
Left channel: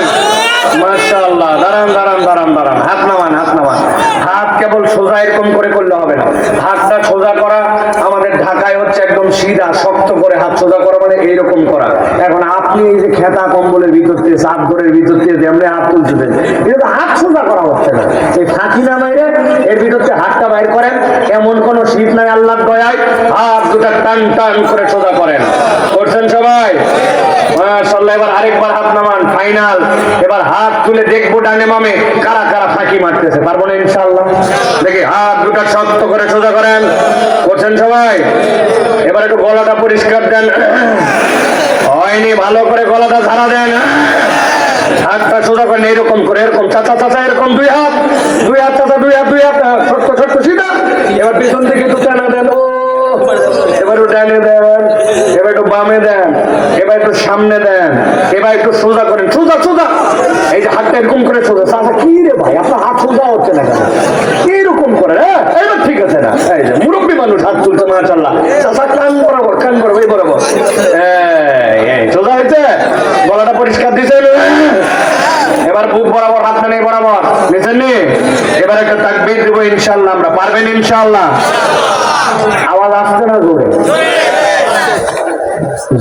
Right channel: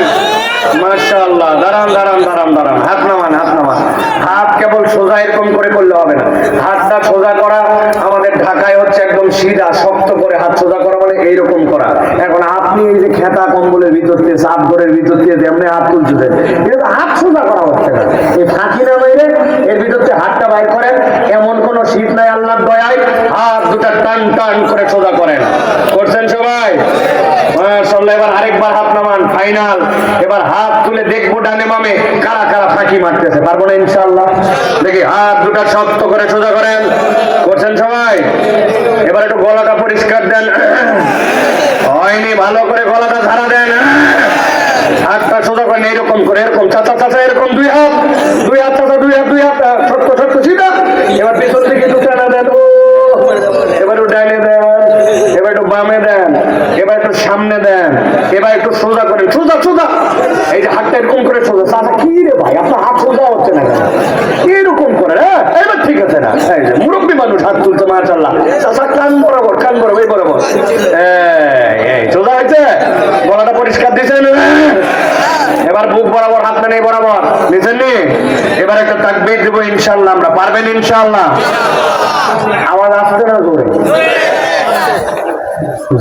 মাশাআল্লাহ। দাঁড়ান দাঁড়ান দাঁড়ান দাঁড়ান, হাত নামান, হাত নামান। হাত কেবল সোজা এরকম করে করলে হবে না, হাতটা সোজা করা আমাদের ঢাকায় হচ্ছে একদম সিধা শক্ত করে হাত সোজা করা মানে এইরকম করা। এখন আপনি এই যে খেতা কম্বলের ভিতর দিয়ে চাদরের ভিতর দিয়ে যেমনি হাত তুলছেন, এটা তো হাত সোজা করা হচ্ছে না। এই ফাঁকি না বাইরে এর ভিতর দিয়ে হাতটা বাইর করেন, এমন কোন শীত নাই আল্লাহর দয়ায়। হাত দুটা টান টান করে সোজা করেন। করছেন সবাই? মাশাআল্লাহ। এবার আরেকবার হাত নামান, ফাইনাল। এবার হাত তুলে দেখবো ডানে বামে কারা কারা ফাঁকি মারতেছে, পারবো না ইনশাআল্লাহ। দেখি হাত দুটা শক্ত করে সোজা করেন। করছেন সবাই? এবার একটু গলাটা পরিষ্কার দেন। হয়নি, ভালো করে গলাটা ঝাড়া দেন। হাতটা সোজা করেন এইরকম করে, এরকম চাচা চাচা, এরকম দুই হাত চাচা, দুই হাত ছোট্ট ছোট্ট সিধা। এবার পিছন থেকে একটু টানা দেন। ও এবার একটু ডানে দেন, এবার একটু বামে দেন, এবার একটু সামনে দেন, এবার একটু সোজা করেন, সোজা সোজা। এই যে হাতটা এরকম করে সোজা। চাচা কি রে ভাই, আপনার হাত সোজা হচ্ছে না কেন? এরকম করে। হ্যাঁ এবার ঠিক আছে না? এই যে মুরব্বী মানুষ হাত তুলছে, মাশাআল্লাহ। চাচা কান বরাবর, কান বরাবর, এই বরাবর। এই সোজা হয়েছে? গলাটা পরিষ্কার দিয়েছেন? এবার বুক বরাবর, হাত নেই বরাবর নিচেন নি। এবার একটা তাকবীর দেবো ইনশাআল্লাহ। আমরা পারবেন ইনশাআল্লাহ? আওয়াজ আসছে না জোরে?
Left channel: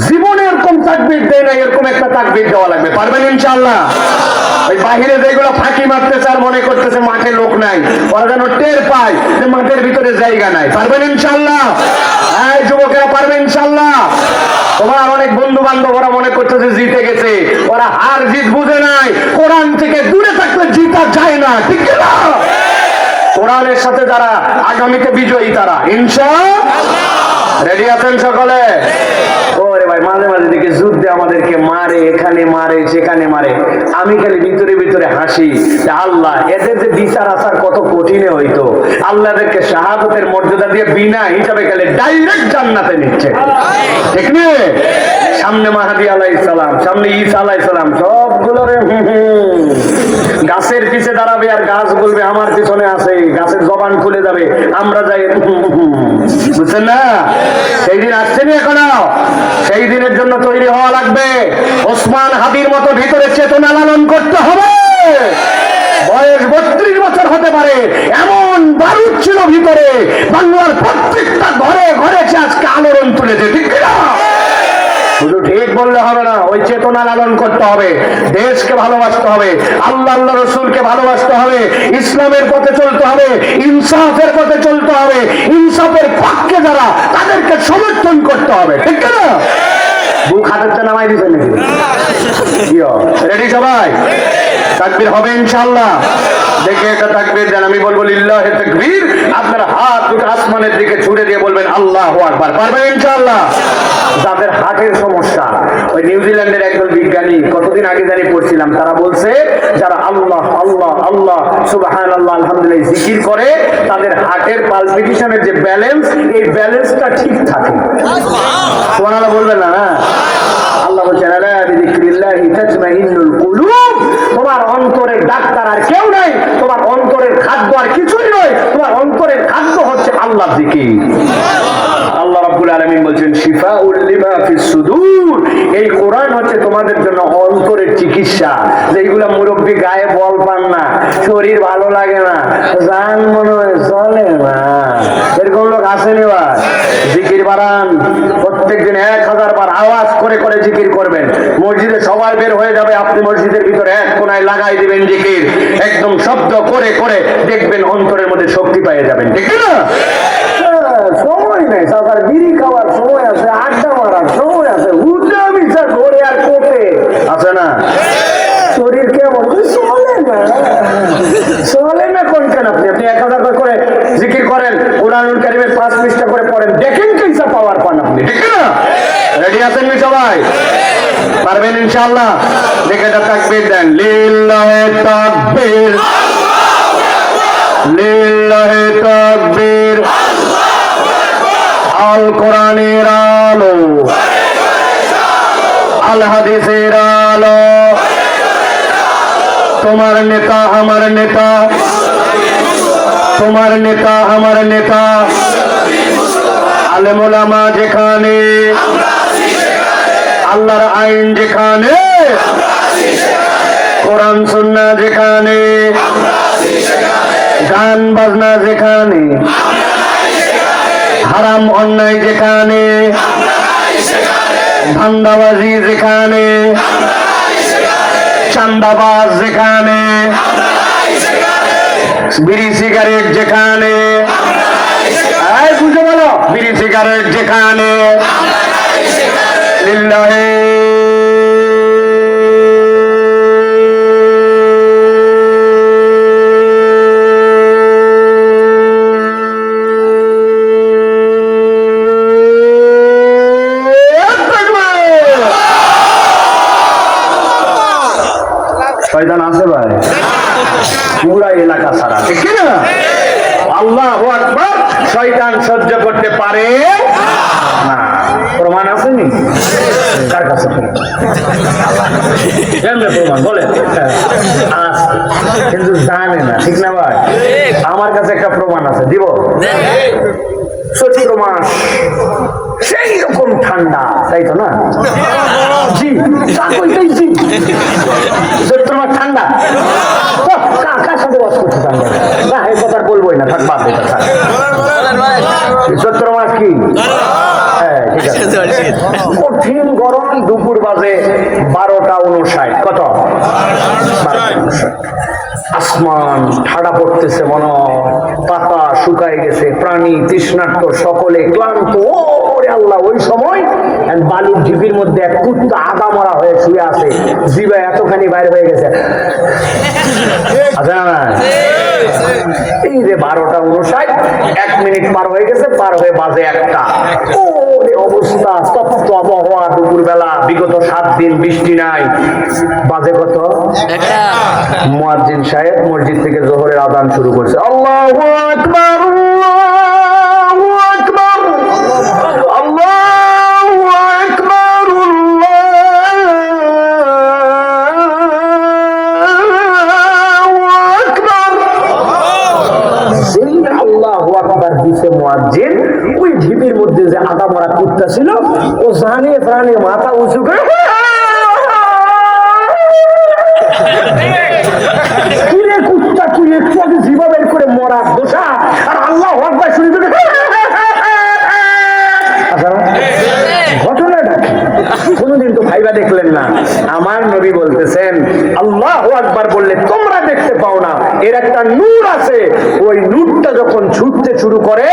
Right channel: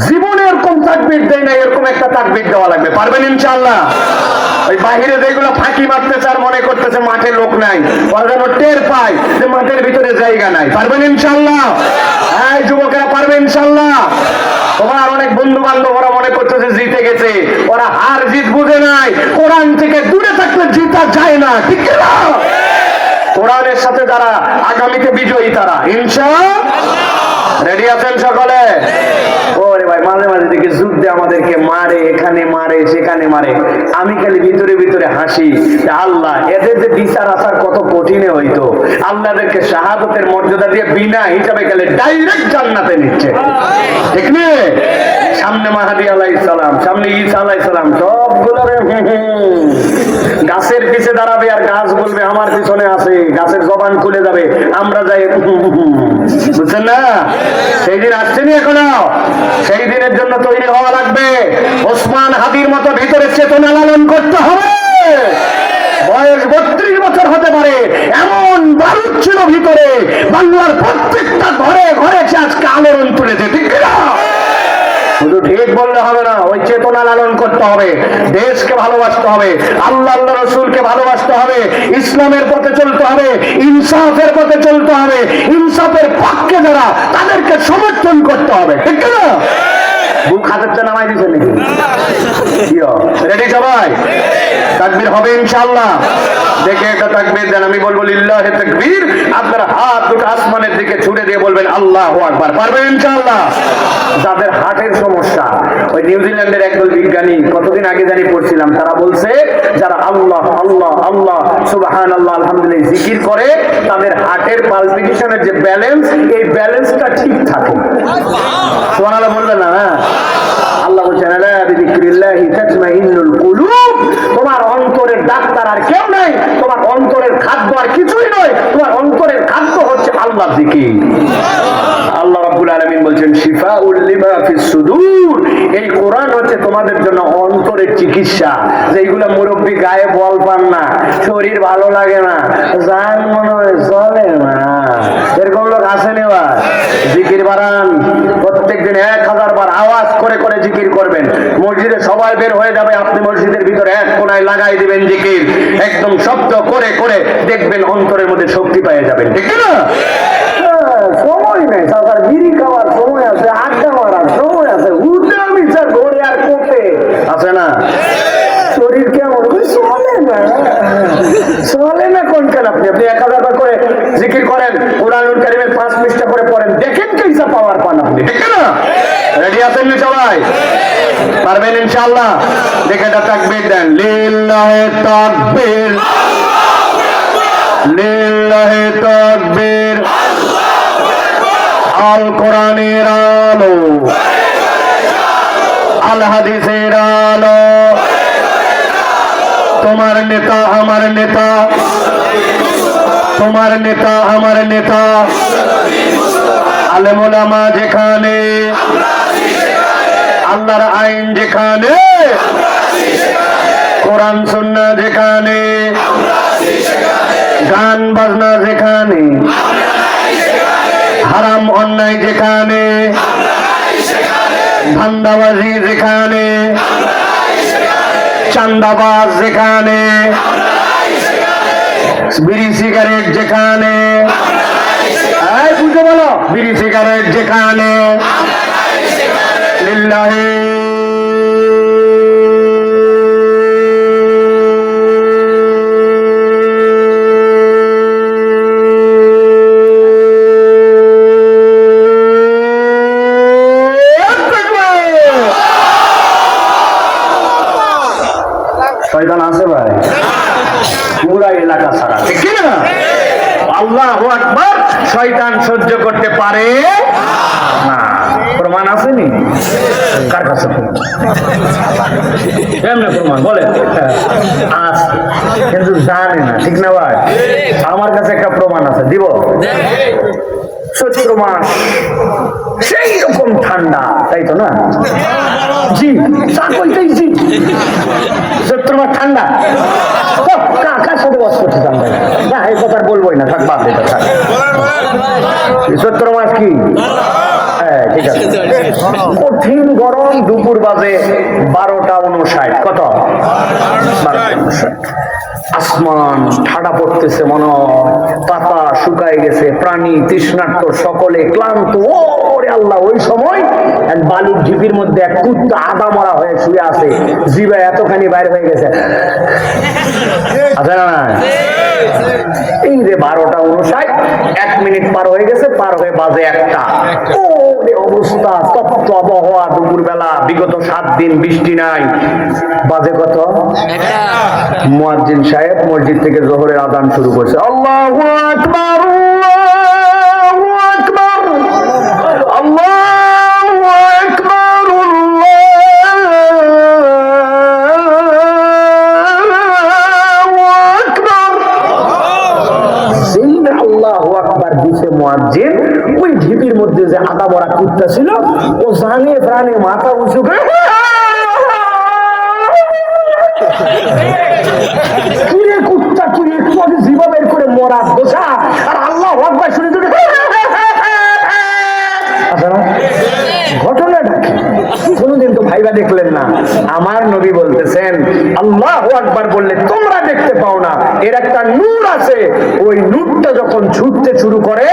জীবনে এরকম তাকবীর দেয় না, এরকম একটা তাকবীর দেওয়া লাগবে। পারবেন ইনশাআল্লাহ? ওই বাহিরে যেগুলো ফাঁকি মারতেছে আর মনে করতেছে মাঠে লোক নাই, ওরা যেন টের পায় যে মাঠের ভিতরে জায়গা নাই। পারবেন ইনশাআল্লাহ? হ্যাঁ যুবকেরা পারবেন ইনশাআল্লাহ? তোমার অনেক বন্ধু বান্ধব ওরা মনে করতেছে জিতে গেছে, ওরা হার জিত বুঝে নাই। কোরআন থেকে দূরে থাকলে জিতা যায় না, ঠিক না? কোরআনের সাথে যারা আগামীতে বিজয়ী তারা ইনশাআল্লাহ। রেডি আছেন সকলে? ওরে ভাই, মাঝে মাঝে দিকে যুদ্ধে আমাদেরকে মারে, এখানে মারে, সেখানে মারে। আমি খালি ভিতরে ভিতরে হাসি, আল্লাহ এদের যে বিচার আচার কত কঠিনে হইতো। আল্লাহদেরকে শাহাদতের মর্যাদা দিয়ে বিনা হিসাবে গেলে ডাইরেক্ট জান্নাতে নিচ্ছে, ঠিক না? সামনে মাহাদি আলাইহিস সালাম, সামনে ঈসা আলাইহিস সালাম, সবগুলো গাছের পিছে দাঁড়াবে আর গাছ বলবে আমার পিছনে আছে। গাছের জবান খুলে যাবে, আমরা যাই। বুঝছেন না? সেই দিন আসছেনি এখনো। সেই দিনের জন্য তৈরি হওয়া লাগবে। ওসমান হাদির মতো ভিতরে চেতনা লালন করতে হবে। বয়স 32 বছর হতে পারে, এমন বারুদ ছিল ভিতরে, বাংলার প্রত্যেকটা ঘরে ঘরে আজকে আলোড়ন তুলেছে, ঠিক না? শুধু ঠিক বললে হবে না, ওই চেতনা লালন করতে হবে। দেশকে ভালোবাসতে হবে, আল্লাহ আল্লাহ রসুলকে ভালোবাসতে হবে, ইসলামের পথে চলতে হবে, ইনসাফের পথে চলতে হবে। ইনসাফের পক্ষে যারা তাদেরকে সমর্থন করতে হবে, ঠিক না? বুক হাতের নামাই দিচ্ছে নাকি? রেডি সবাই? তাকবীর হবে ইনশাআল্লাহ। দেখে একটা তাকবীর দেন। আমি বলবো লিল্লাহি তাকবীর, আপনারা হাত দুটো আসমানের দিকে ছুড়ে দিয়ে বলবেন আল্লাহু আকবার। পারবেন ইনশাআল্লাহ? যাদের হার্টের সমস্যা, ওই নিউজিল্যান্ডের একদল বিজ্ঞানী কতদিন আগে জানি পড়ছিলাম, তারা বলছে যারা আল্লাহ আল্লাহ আল্লাহ সুবহানাল্লাহ আলহামদুলিল্লাহ জিকির করে, তাদের হার্টের পালপিটেশনের যে ব্যালেন্স, এই ব্যালেন্সটা ঠিক থাকে। সুবহানাল্লাহ বলবেন না? হ্যাঁ, আল্লাহ বলছেন আলা বিযিকরিল্লাহি তাতমাইন্নুল কুলুব। তোমার অন্তরের ডাক্তার আর কেউ নাই, তোমার অন্তরের খাদ্য আর কিছুই নয়, তোমার অন্তরের খাদ্য হচ্ছে আল্লাহর জিকির। আল্লাহ রাব্বুল আলামিন বলছেন শিফাউল লিমা ফিস সুদূর। এই কোরআন হচ্ছে তোমাদের জন্য অন্তরের চিকিৎসা। যেগুলা মুরব্বী গায়ে বল পান না, শরীর ভালো লাগে না, জান মনে হয় চলে না, এরকম লোক আসেনি। বা জিকির বাড়ান, প্রত্যেকদিন 1000 বার আওয়াজ করে করে জিকির করবেন। মসজিদে সবাই বের হয়ে যাবে, আপনি মসজিদের ভিতরে এক কোনায় লাগাই দিবেন জিকির, একদম শব্দ করে করে দেখবেন অন্তরের মধ্যে শক্তি পেয়ে যাবেন, ঠিক না? সময় নেই, সাঁতার বিড়ি খাওয়ার সময় আছে, আড্ডা মারার সময় আছে, উঠে আমি স্যার ঘরে আর কোটে আছে না। শরীর কেমন চলে না কোন কেন? আপনি 1000 বার করে জিকির করেন, কোরআনুল কারীমের 5 পৃষ্ঠা করে পড়েন, দেখেন কেইসা পাওয়ার পান আপনি, ঠিক না? রেডি আছেন সবাই? পারবেন ইনশাআল্লাহ? দেখে একটা তাকবীর দেন। লিল্লাহি তাকবীর, লিল্লাহি তাকবীর। আল কোরআনের আলো, আল হাদিসের আলো। তোমার নেতা আমার নেতা, তোমার নেতা আমার নেতা। আলেম ওলামা যেখানে, আল্লাহর আইন যেখানে, কোরআন সুন্নাহ যেখানে, গান বাজনা যেখানে, হারাম অন্য অন্যায় যেখানে, ধান্দাবাজি যেখানে, চান্দাবাজ যেখানে, বিড়ি সিগারেট যেখানে, বুঝতে বলো, বিড়ি সিগারেট যেখানে, লিল্লাহি শয়তান আছে ভাই পুরা এলাকা সারা, ঠিক না? আল্লাহু আকবার। শয়তান সহ্য করতে পারে না। প্রমাণ আসেনি কার কাছে? কেমনে প্রমাণ বলে? আছে, কিন্তু জানে না, ঠিক না ভাই? আমার কাছে একটা প্রমাণ আছে, দিব? চৈত্র মাস সেই রকম ঠান্ডা, তাই তো না? জি, জি, চৈত্র মাস ঠান্ডা। কার সাথে বাস করছে ঠান্ডা? না, এই কথা বলবোই না, থাক বাদ এটা। চৈত্র মাস কি? হ্যাঁ, ঠিক আছে। কঠিন গরম, দুপুর বাজে 12:59। কত? আসমান ঠাড়া পড়তেছে, মনে পাতা শুকায় গেছে, প্রাণী তৃষ্ণার্ত, সকলে ক্লান্ত। ওরে আল্লাহ, ওই সময় বালুর ঝিপির মধ্যে এক কুত্তা আদা মারা হয়ে শুয়ে আছে, জিভে এতখানি বাইরে হয়ে গেছে। আচ্ছা না, এই যে 12:59, 1 মিনিট পার হয়ে গেছে, পার হয়ে বাজে 1টা। অবস্থা তপ্ত আবহাওয়া, দুপুর বেলা, বিগত 7 দিন বৃষ্টি নাই। বাজে কত? মুয়াজ্জিন সাহেব মসজিদ থেকে জোহরের আযান শুরু করছে। আল্লাহু আকবার, আল্লাহু আকবার, আল্লাহু আকবার, আল্লাহু আকবার। সেই আল্লাহু আকবার দিছে মুয়াজ্জিন, ওই ঢিপির মধ্যে যে আদা ভরা কুত্তা ছিল, ও জানে প্রাণে মাথা উঁচু করে, কিরে কুত্তা, তুই একটু আগে জিভা বের করে মরা বসা, আর আল্লাহু আকবার শুনে তোকে ঘটনাটা কোনদিন তো ভাইবা দেখলেন না? আমার নবী বলতেছেন, আল্লাহু আকবার বললে তোমরা দেখতে পাও না, এর একটা নূর আছে। ওই নূরটা যখন ছুটতে শুরু করে,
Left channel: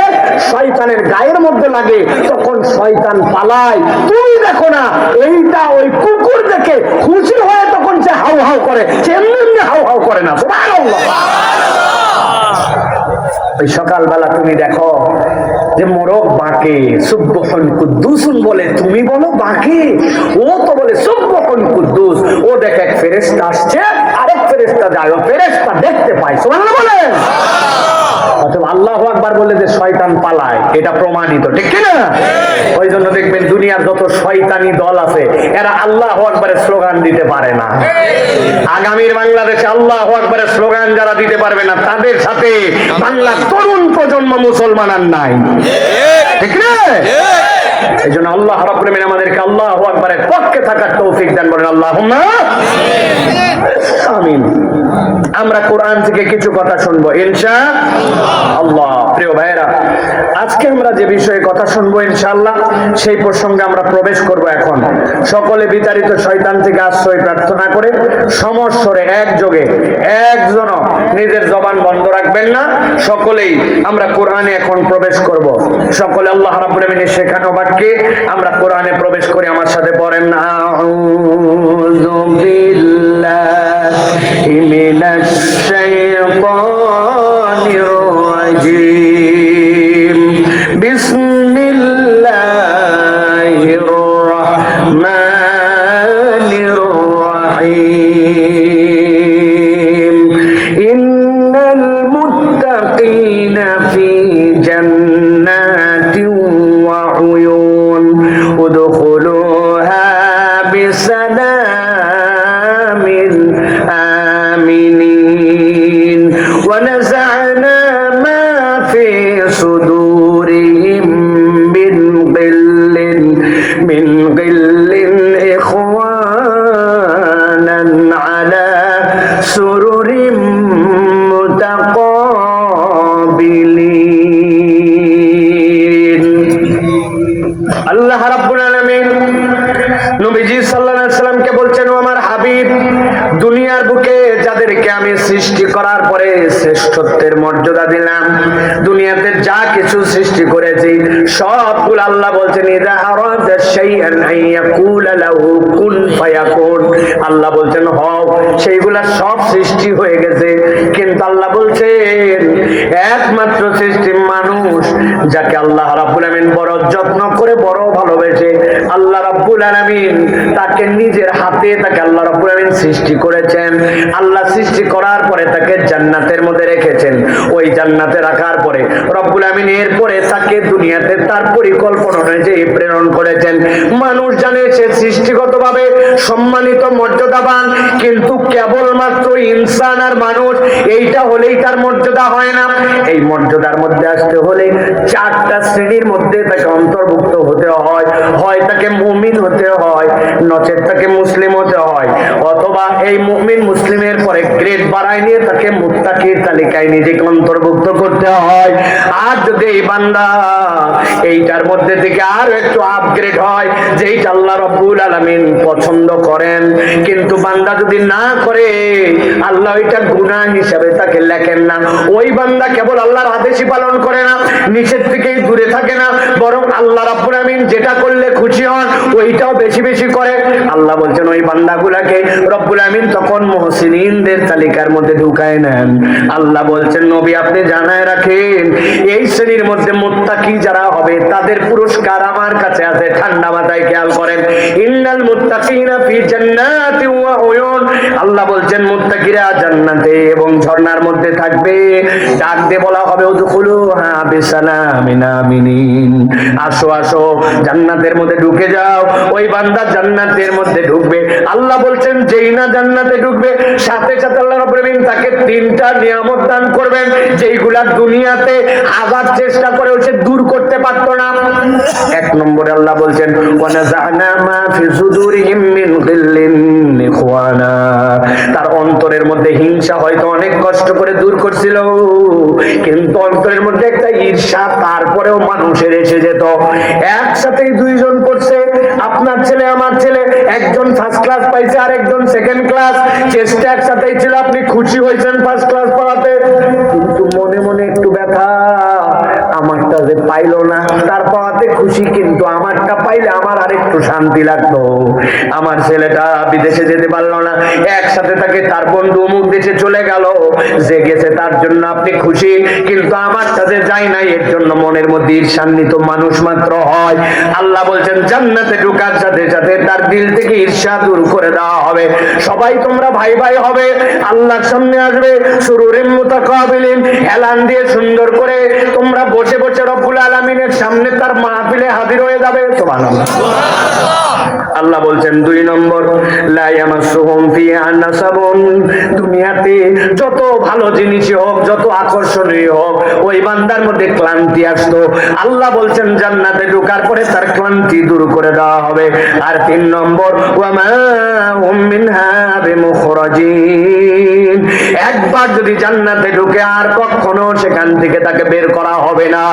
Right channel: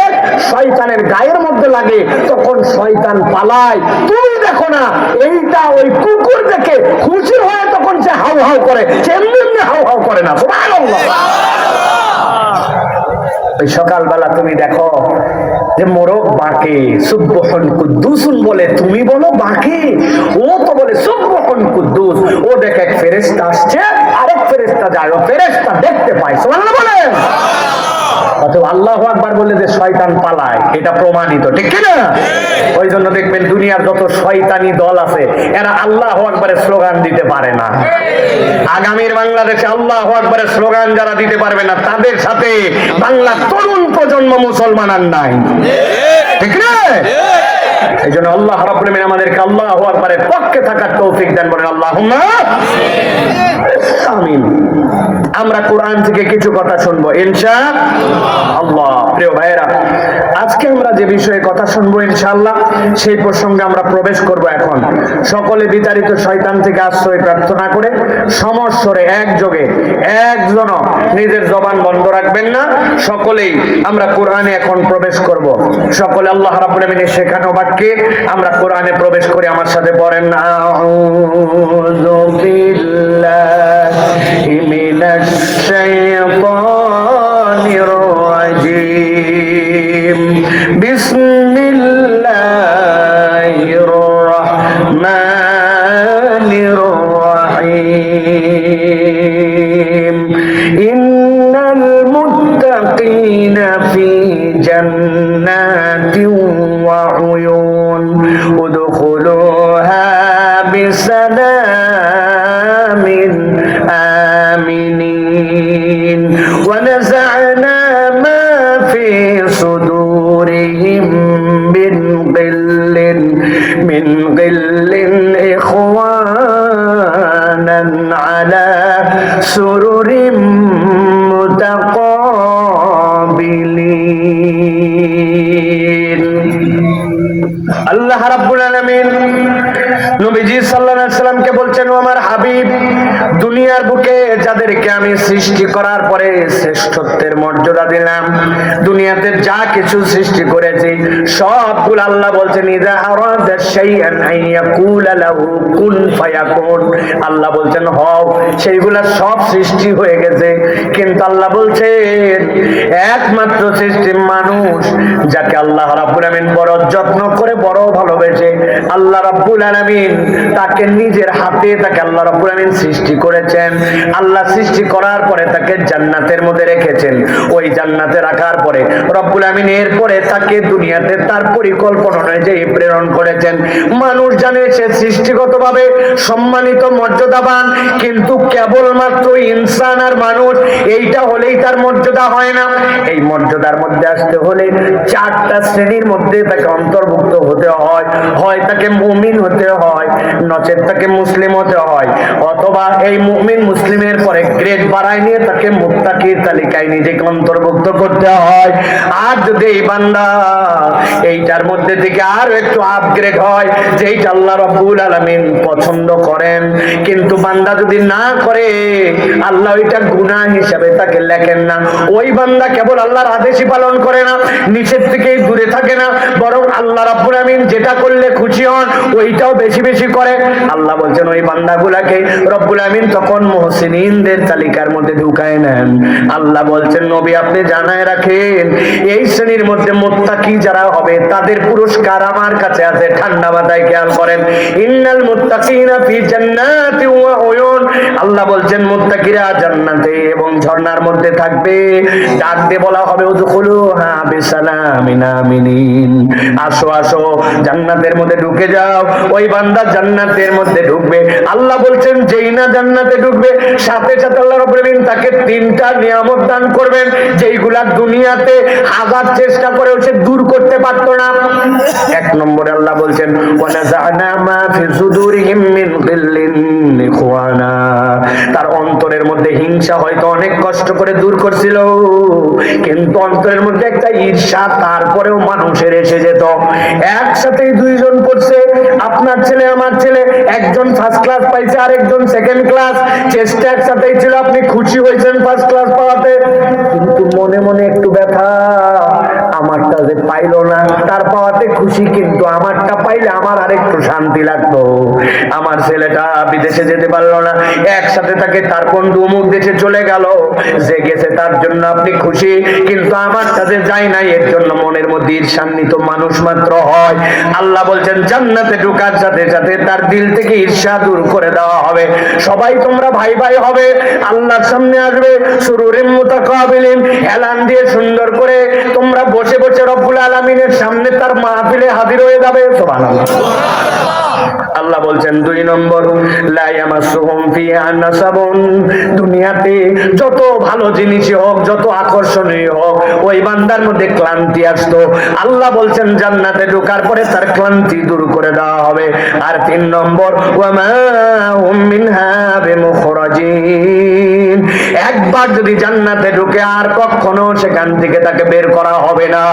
শয়তানের গায়ের মধ্যে লাগে, তখন শয়তান পালায়। তুমি দেখো না, এইটা ওই কুকুর দেখে খুশি হয়, তখন সে হাউ হাউ করে, সে এমনি হাউ হাউ করে না। সুবহানাল্লাহ। ওই সকালবেলা তুমি দেখো যে মোরগ বাঁকে, সুবহান কুদ্দুসুন বলে, তুমি বলো বাঁকে, ও তো বলে সুবহান কুদ্দুস। ও দেখে এক ফেরেশতা আসছে, আরেক ফেরেশতা যায়, ও ফেরেশতা দেখতে পায়। সুবহানাল্লাহ বলেন। অথবা আল্লাহু আকবার বলে যে শয়তান পালায়, এটা প্রমাণিত, ঠিক কি না? ওই জন্য দেখবেন দুনিয়ার যত শয়তানি দল আছে, এরা আল্লাহু আকবারের স্লোগান দিতে পারে না। আগামীর বাংলাদেশে আল্লাহু আকবারের স্লোগান যারা দিতে পারবে না, তাদের সাথে বাংলার তরুণ প্রজন্ম মুসলমান আর নাই, ঠিক না? এই জন্য আল্লাহ রাব্বুল আলামিন আমাদেরকে আল্লাহু আকবারের পক্ষে থাকার তৌফিক দান করেন। আল্লাহুম্মা আমিন। আমরা কোরআন থেকে কিছু কথা শুনবো ইনশাআল্লাহ। প্রিয় ভাইরা, আজকে আমরা যে বিষয়ে কথা শুনবো ইনশাআল্লাহ, সেই প্রসঙ্গে আমরা প্রবেশ করব। এখন সকলে বিতাড়িত শয়তান থেকে আশ্রয় প্রার্থনা করে সমস্বরে একযোগে, একজন নিজের জবান বন্ধ রাখবেন না, সকলেই আমরা কোরআনে এখন প্রবেশ করব। সকলে আল্লাহ রাব্বুল আমিনের শেখানো বাক্যে আমরা কোরআনে প্রবেশ করে আমার সাথে পড়েন, আউযু বিল্লাহি মিনাশ শাইতানির রাজীম, বিসমিল্লাহির রাহমানির রাহিম, ইন্নাল মুত্তাকিনা ফি জান্নাতিন ওয়া উয়ুন, উদখুলুহা বিসালামিন আমিনিন, ওয়া নাযা'না মা ফি সুদুরিহিম মিন গিল্লিন ইখওয়ানান আলা সুরুরিম মুতাকাবিলিন। রাব্বুল আলামিন নবীজি সাল্লাল্লাহু আলাইহি সাল্লামকে বলছেন, ও আমার হাবিব, দুনিয়ার বুকে যাদেরকে আমি সৃষ্টি করার পরে শ্রেষ্ঠত্বের মর্যাদা দিলাম, দুনিয়াতে যা কিছু সৃষ্টি করেছি সবগুলো আল্লাহ বলছেন ইযা আরাদা শাইআন আন ইয়াকুলা লাহু কুন ফায়াকুন, আল্লাহ বলছেন হও, সেইগুলা সব সৃষ্টি হয়ে গেছে। কিন্তু আল্লাহ বলছেন একমাত্র সৃষ্টি মানুষ, যাকে আল্লাহ রাব্বুল আলামিন বড় যত্ন করে বড় ভালোবেসে আল্লাহ রাব্বুল আলামিন তাকে নিজের হাতে তাকে আল্লাহ রাব্বুল আলামিন সৃষ্টি করেছেন। আল্লাহ সৃষ্টি করার পরে তাকে জান্নাতের মধ্যে রেখেছেন। ওই জান্নাতে রাখার পরে রব্বুল আলামিন এরপরে তাকে দুনিয়াতে তার পরিকল্পনা অনুযায়ী প্রেরণ করেছেন। মানুষ জানে সে সৃষ্টিগতভাবে সম্মানিত মর্যাদাবান, কিন্তু কেবলমাত্র ইনসান আর মানুষ এইটা হলেই তার মর্যাদা হয় না। এই মর্যাদার মধ্যে আসতে হলে চারটা শ্রেণীর মধ্যে তাকে অন্তর্ভুক্ত হতে হয়। হয় তাকে মুমিন হতে হয়, নচেত তাকে মুসলিম হতে হয়, অথবা এই মুমিন মুসলিমের পরে গ্রেড বাড়ায় নিয়ে তাকে মুত্তাকির তালিকায় নিজেকে অন্তর্ভুক্ত করতে হয়। আর যদি এই বান্দা এইটার মধ্যে থেকে আরো একটু আপগ্রেড হয়, যেইটা আল্লাহ রাব্বুল আলামিন পছন্দ করেন, কিন্তু বান্দা যদি না করে আল্লাহ ওইটা গুনাহ হিসাবে তাকে লেখেন না। ওই বান্দা কেবল আল্লাহর আদেশই পালন করে না, নিষেধ থেকে দূরে থাকে না, বরং আল্লাহ রাব্বুল আলামিন যেটা করলে খুশি হন ওইটাও বেশি বেশি করে। আল্লাহ বলছেন ওই বান্দাগুলাকে রব্বুল আলামিন তখন মুহসিনিনদের তালিকার মধ্যে ঢুকায় নেন। আল্লাহ বলছেন নবী আপনি জানায় রাখেন, এই শ্রেণীর মধ্যে মুত্তাকি যারা হবে তাদের পুরস্কার আমার কাছে আছে। ঠান্ডা মাথায় খেয়াল করেন, ইন্নাল মুত্তাকিনা ফি জান্নাতি ওয়া উয়ুন, আল্লাহ বলছেন মুত্তাকিরা জান্নাতে এবং ঝর্ণার মধ্যে থাকবে। ডাক দিয়ে বলা হবে উদখুলুহা বিসালামিন আমিনিন, আসো আসো জান্নাতের মধ্যে ঢুকে যাও। ওই বান্দা জান্নাতের মধ্যে ঢুকবে। আল্লাহ বলছেন যেই না জান্নাতে ঢুকবে সাথে সাথে আল্লাহ রাব্বুল আলামিন তাকে তিনটা নিয়ামত দান করবেন, যেইগুলা দুনিয়াতে হাজার চেষ্টা করেও সে দূর করতে পারতো না। এক নম্বরে আল্লাহ বলছেন ওয়ানাযা'না মা ফি সুদুরিহিম মিন গিল্লিন ইখওয়ানা, তার অন্তরের মধ্যে হিংসা হয়তো অনেক কষ্ট করে দূর করছিল, কিন্তু অন্তরের মধ্যে একটা ঈর্ষা তারপরেও মানুষের এসে যেত। একসাথেই দুইজন পড়ছে, আপনার ছেলে আমার ছেলে, একজন ফার্স্ট ক্লাস পাইছে আর একজন সেকেন্ড ক্লাস, চেষ্টা একসাথেই ছিল, আপনি খুশি হয়েছেন ফার্স্ট ক্লাস পাওয়াতে, কিন্তু মনে মনে একটু ব্যথা, আমারটা যে পাইলো না, তার পাওয়াতে খুশি, কিন্তু আমারটা পাইলে আমার আরেকটু শান্তি লাগতো। আমার ছেলেটা বিদেশে যেতে পারলো না, একসাথে তাকে তার বন্ধু অমুক দেশে চলে গেল, যে গেছে তার জন্য আপনি খুশি, কিন্তু আমার কাছে যাই নাই, এর জন্য মনের মধ্যে ঈর্ষান্বিত মানুষ মাত্র হয়। আল্লাহ বলছেন জান্নাতে ঢোকার সাথে সাথে তার দিল থেকে ঈর্ষা দূর করে দেওয়া হবে। সবাই তোমরা ভাই ভাই হবে, আল্লাহর সামনে আসবে, সুরুরিন মুতাকাবিলিন, এলান দিয়ে সুন্দর করে তোমরা বসে বসে রব্বুল আলামিনের সামনে তার মাহফিলে হাজির হয়ে যাবে। সুবহানাল্লাহ। আল্লাহ বলছেন দুই নম্বর লা ইয়ামাসুহুম ফিহা নাসাবুন, দুনিয়াতে যত ভালো জিনিসই হোক, যত আকর্ষণীয় হোক, ওই বান্দার মধ্যে ক্লান্তি আসতো, আল্লাহ বলছেন জান্নাতে ঢোকার পরে তার ক্লান্তি দূর করে দেওয়া হবে। আর তিন নম্বর ওয়া মা হুম মিনহা বিমুখরাজিন, একবার যদি জান্নাতে ঢুকে আর কখনো সেখান থেকে তাকে বের করা হবে না।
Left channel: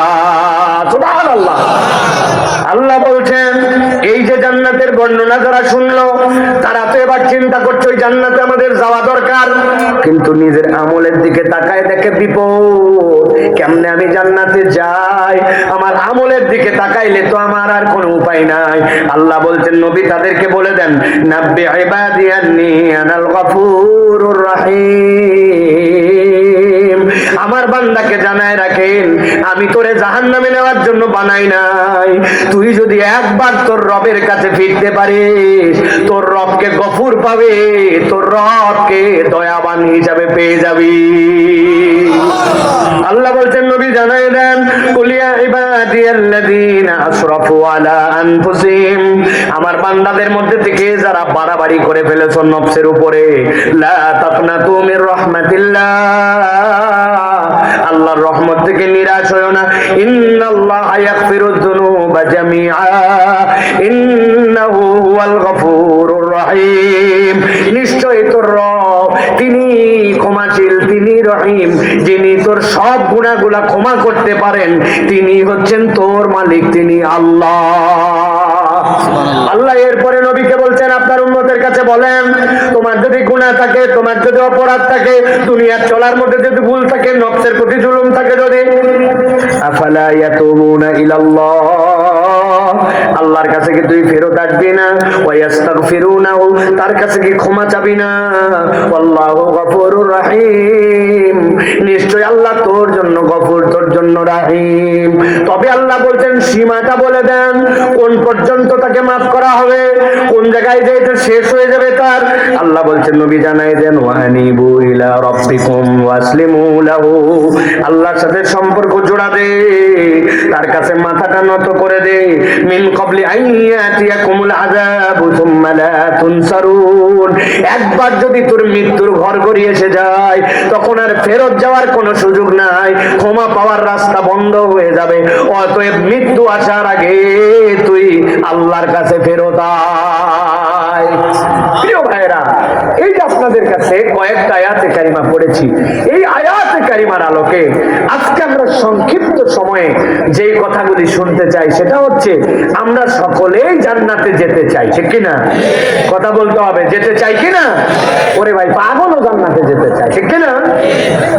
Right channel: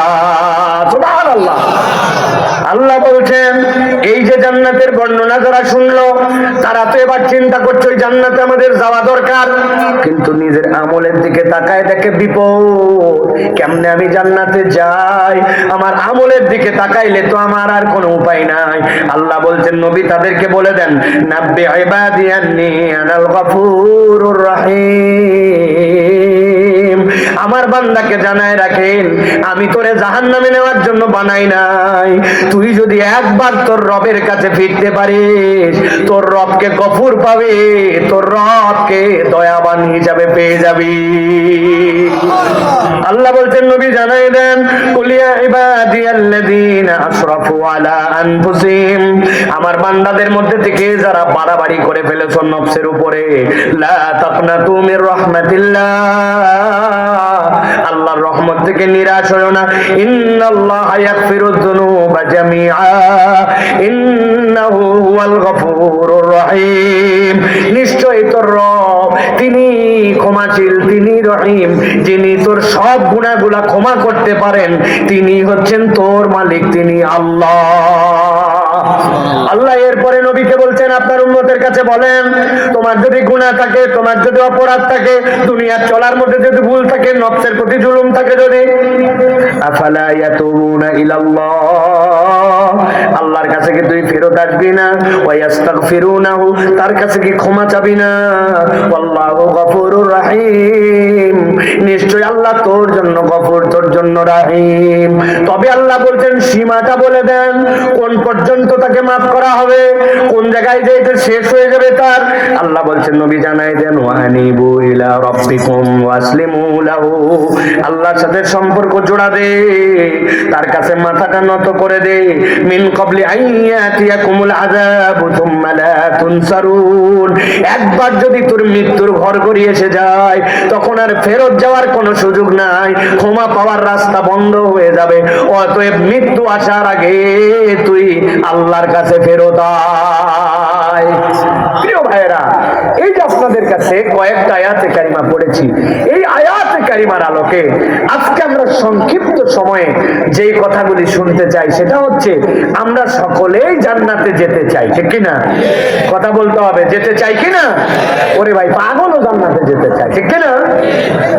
সুবহানাল্লাহ। আল্লাহ বলছেন এই যে জান্নাতের বর্ণনা যারা শুনলো তারা তো এবার চিন্তা করছে ওই জান্নাতে আমাদের যাওয়া দরকার, কিন্তু নিজের আমলের দিকে তাকায় দেখে বিপদ, কেমনে আমি জান্নাতে যাই, আমার আমলের দিকে তাকাইলে তো আমার আর কোনো উপায় নাই। আল্লাহ বলছেন নবী তাদেরকে বলে দেন নাব্বি ইবাদি আন্নী আনাল গফুরুর রহিম, আমার বান্দাকে জানায় রাখেন আমি তোরে জাহান্নামে নেওয়ার জন্য বানাই নাই। তুই যদি একবার তোর রবের কাছে ফিরতে পারিস, তোর রবকে গফুর পাবে, তোর রবকে দয়াবান হিসাবে পেয়ে যাবি। আল্লাহ বলছেন নবী জানাই দেন কুলিয়া ইবাদিয়াল্লাযীনা আসরাফু আলা আনফুসিহিম, আমার বান্দাদের মধ্যে থেকে যারা বাড়াবাড়ি করে ফেলেছো নফসের উপরে, লা তাকনাতু মির রাহমাতিল্লাহ, আল্লাহর রহমত থেকে নিরাশ হয়ো না। ইন্নাল্লাহা ইয়াগফিরুয যুনুবা জামিআ ইন্নাহু হুয়াল গফুরুর রহিম, নিশ্চয়ই তোর রব তিনি ক্ষমাশীল, তিনি রহিম, যিনি তোর সব গুনাহগুলা ক্ষমা করতে পারেন, তিনি হচ্ছেন তোর মালিক, তিনি আল্লাহ। আল্লাহ এরপরে নবীকে বলছেন, আপনার উম্মতের কাছে বলেন, তোমার যদি গুনাহ থাকে, তোমার যদি অপরাধ থাকে, দুনিয়ার চলার মধ্যে যদি ভুল থাকে, নফসের প্রতি জুলুম থাকে, যদি আফালা ইয়াতুবুনা ইলাল্লাহ, আল্লাহর কাছে কি তুই ফেরত আসবি না? ওয়া ইস্তাগফিরুনাহু, তার কাছে কি ক্ষমা চাবি না? আল্লাহু গফুরুর রহিম, নিশ্চয় আল্লাহ তোর জন্য গফুর, তোর জন্য রহিম। তবে আল্লাহ বলছেন সীমাটা বলে দেন, কোন পর্যন্ত তাকে মাফ করা হবে, কোন জায়গায় যে এটা শেষ হয়ে যাবে তার। আল্লাহ বলছেন নবী জানাই দেন, ওয়ানিবু ইলা রাব্বিকুম ওয়াসলিমু লাহু, আল্লাহর সাথে সম্পর্ক জোড়া দে, তার কাছে মাথাটা নত করে দে। মিন ক্বাবলি আইয়াতিয়াকুমুল আযাবু সুম্মা লা তুনসারুন, একবার যদি তোর মৃত্যুর ঘরঘড়ি এসে যায়, তখন আর ফেরত যাওয়ার কোনো সুযোগ নাই, ক্ষমা পাওয়ার রাস্তা বন্ধ হয়ে যাবে। অতএব মৃত্যু আসার আগে তুই আল্লাহর কাছে ফেরত আয়। প্রিয় ভাইরা, এই যে আপনাদের কাছে কয়েকটা আয়াতে কারিমা পড়েছি, এই আয়াতে কারিমার আলোকে আজকে আমরা সংক্ষিপ্ত সময়ে যেই কথাগুলি শুনতে চাই সেটা হচ্ছে, আমরা সকলেই জান্নাতে যেতে চাই, ঠিক কিনা? কথা বলতে হবে, যেতে চাই কিনা? ওরে ভাই, পাগলও জান্নাতে যেতে চাই, ঠিক কিনা?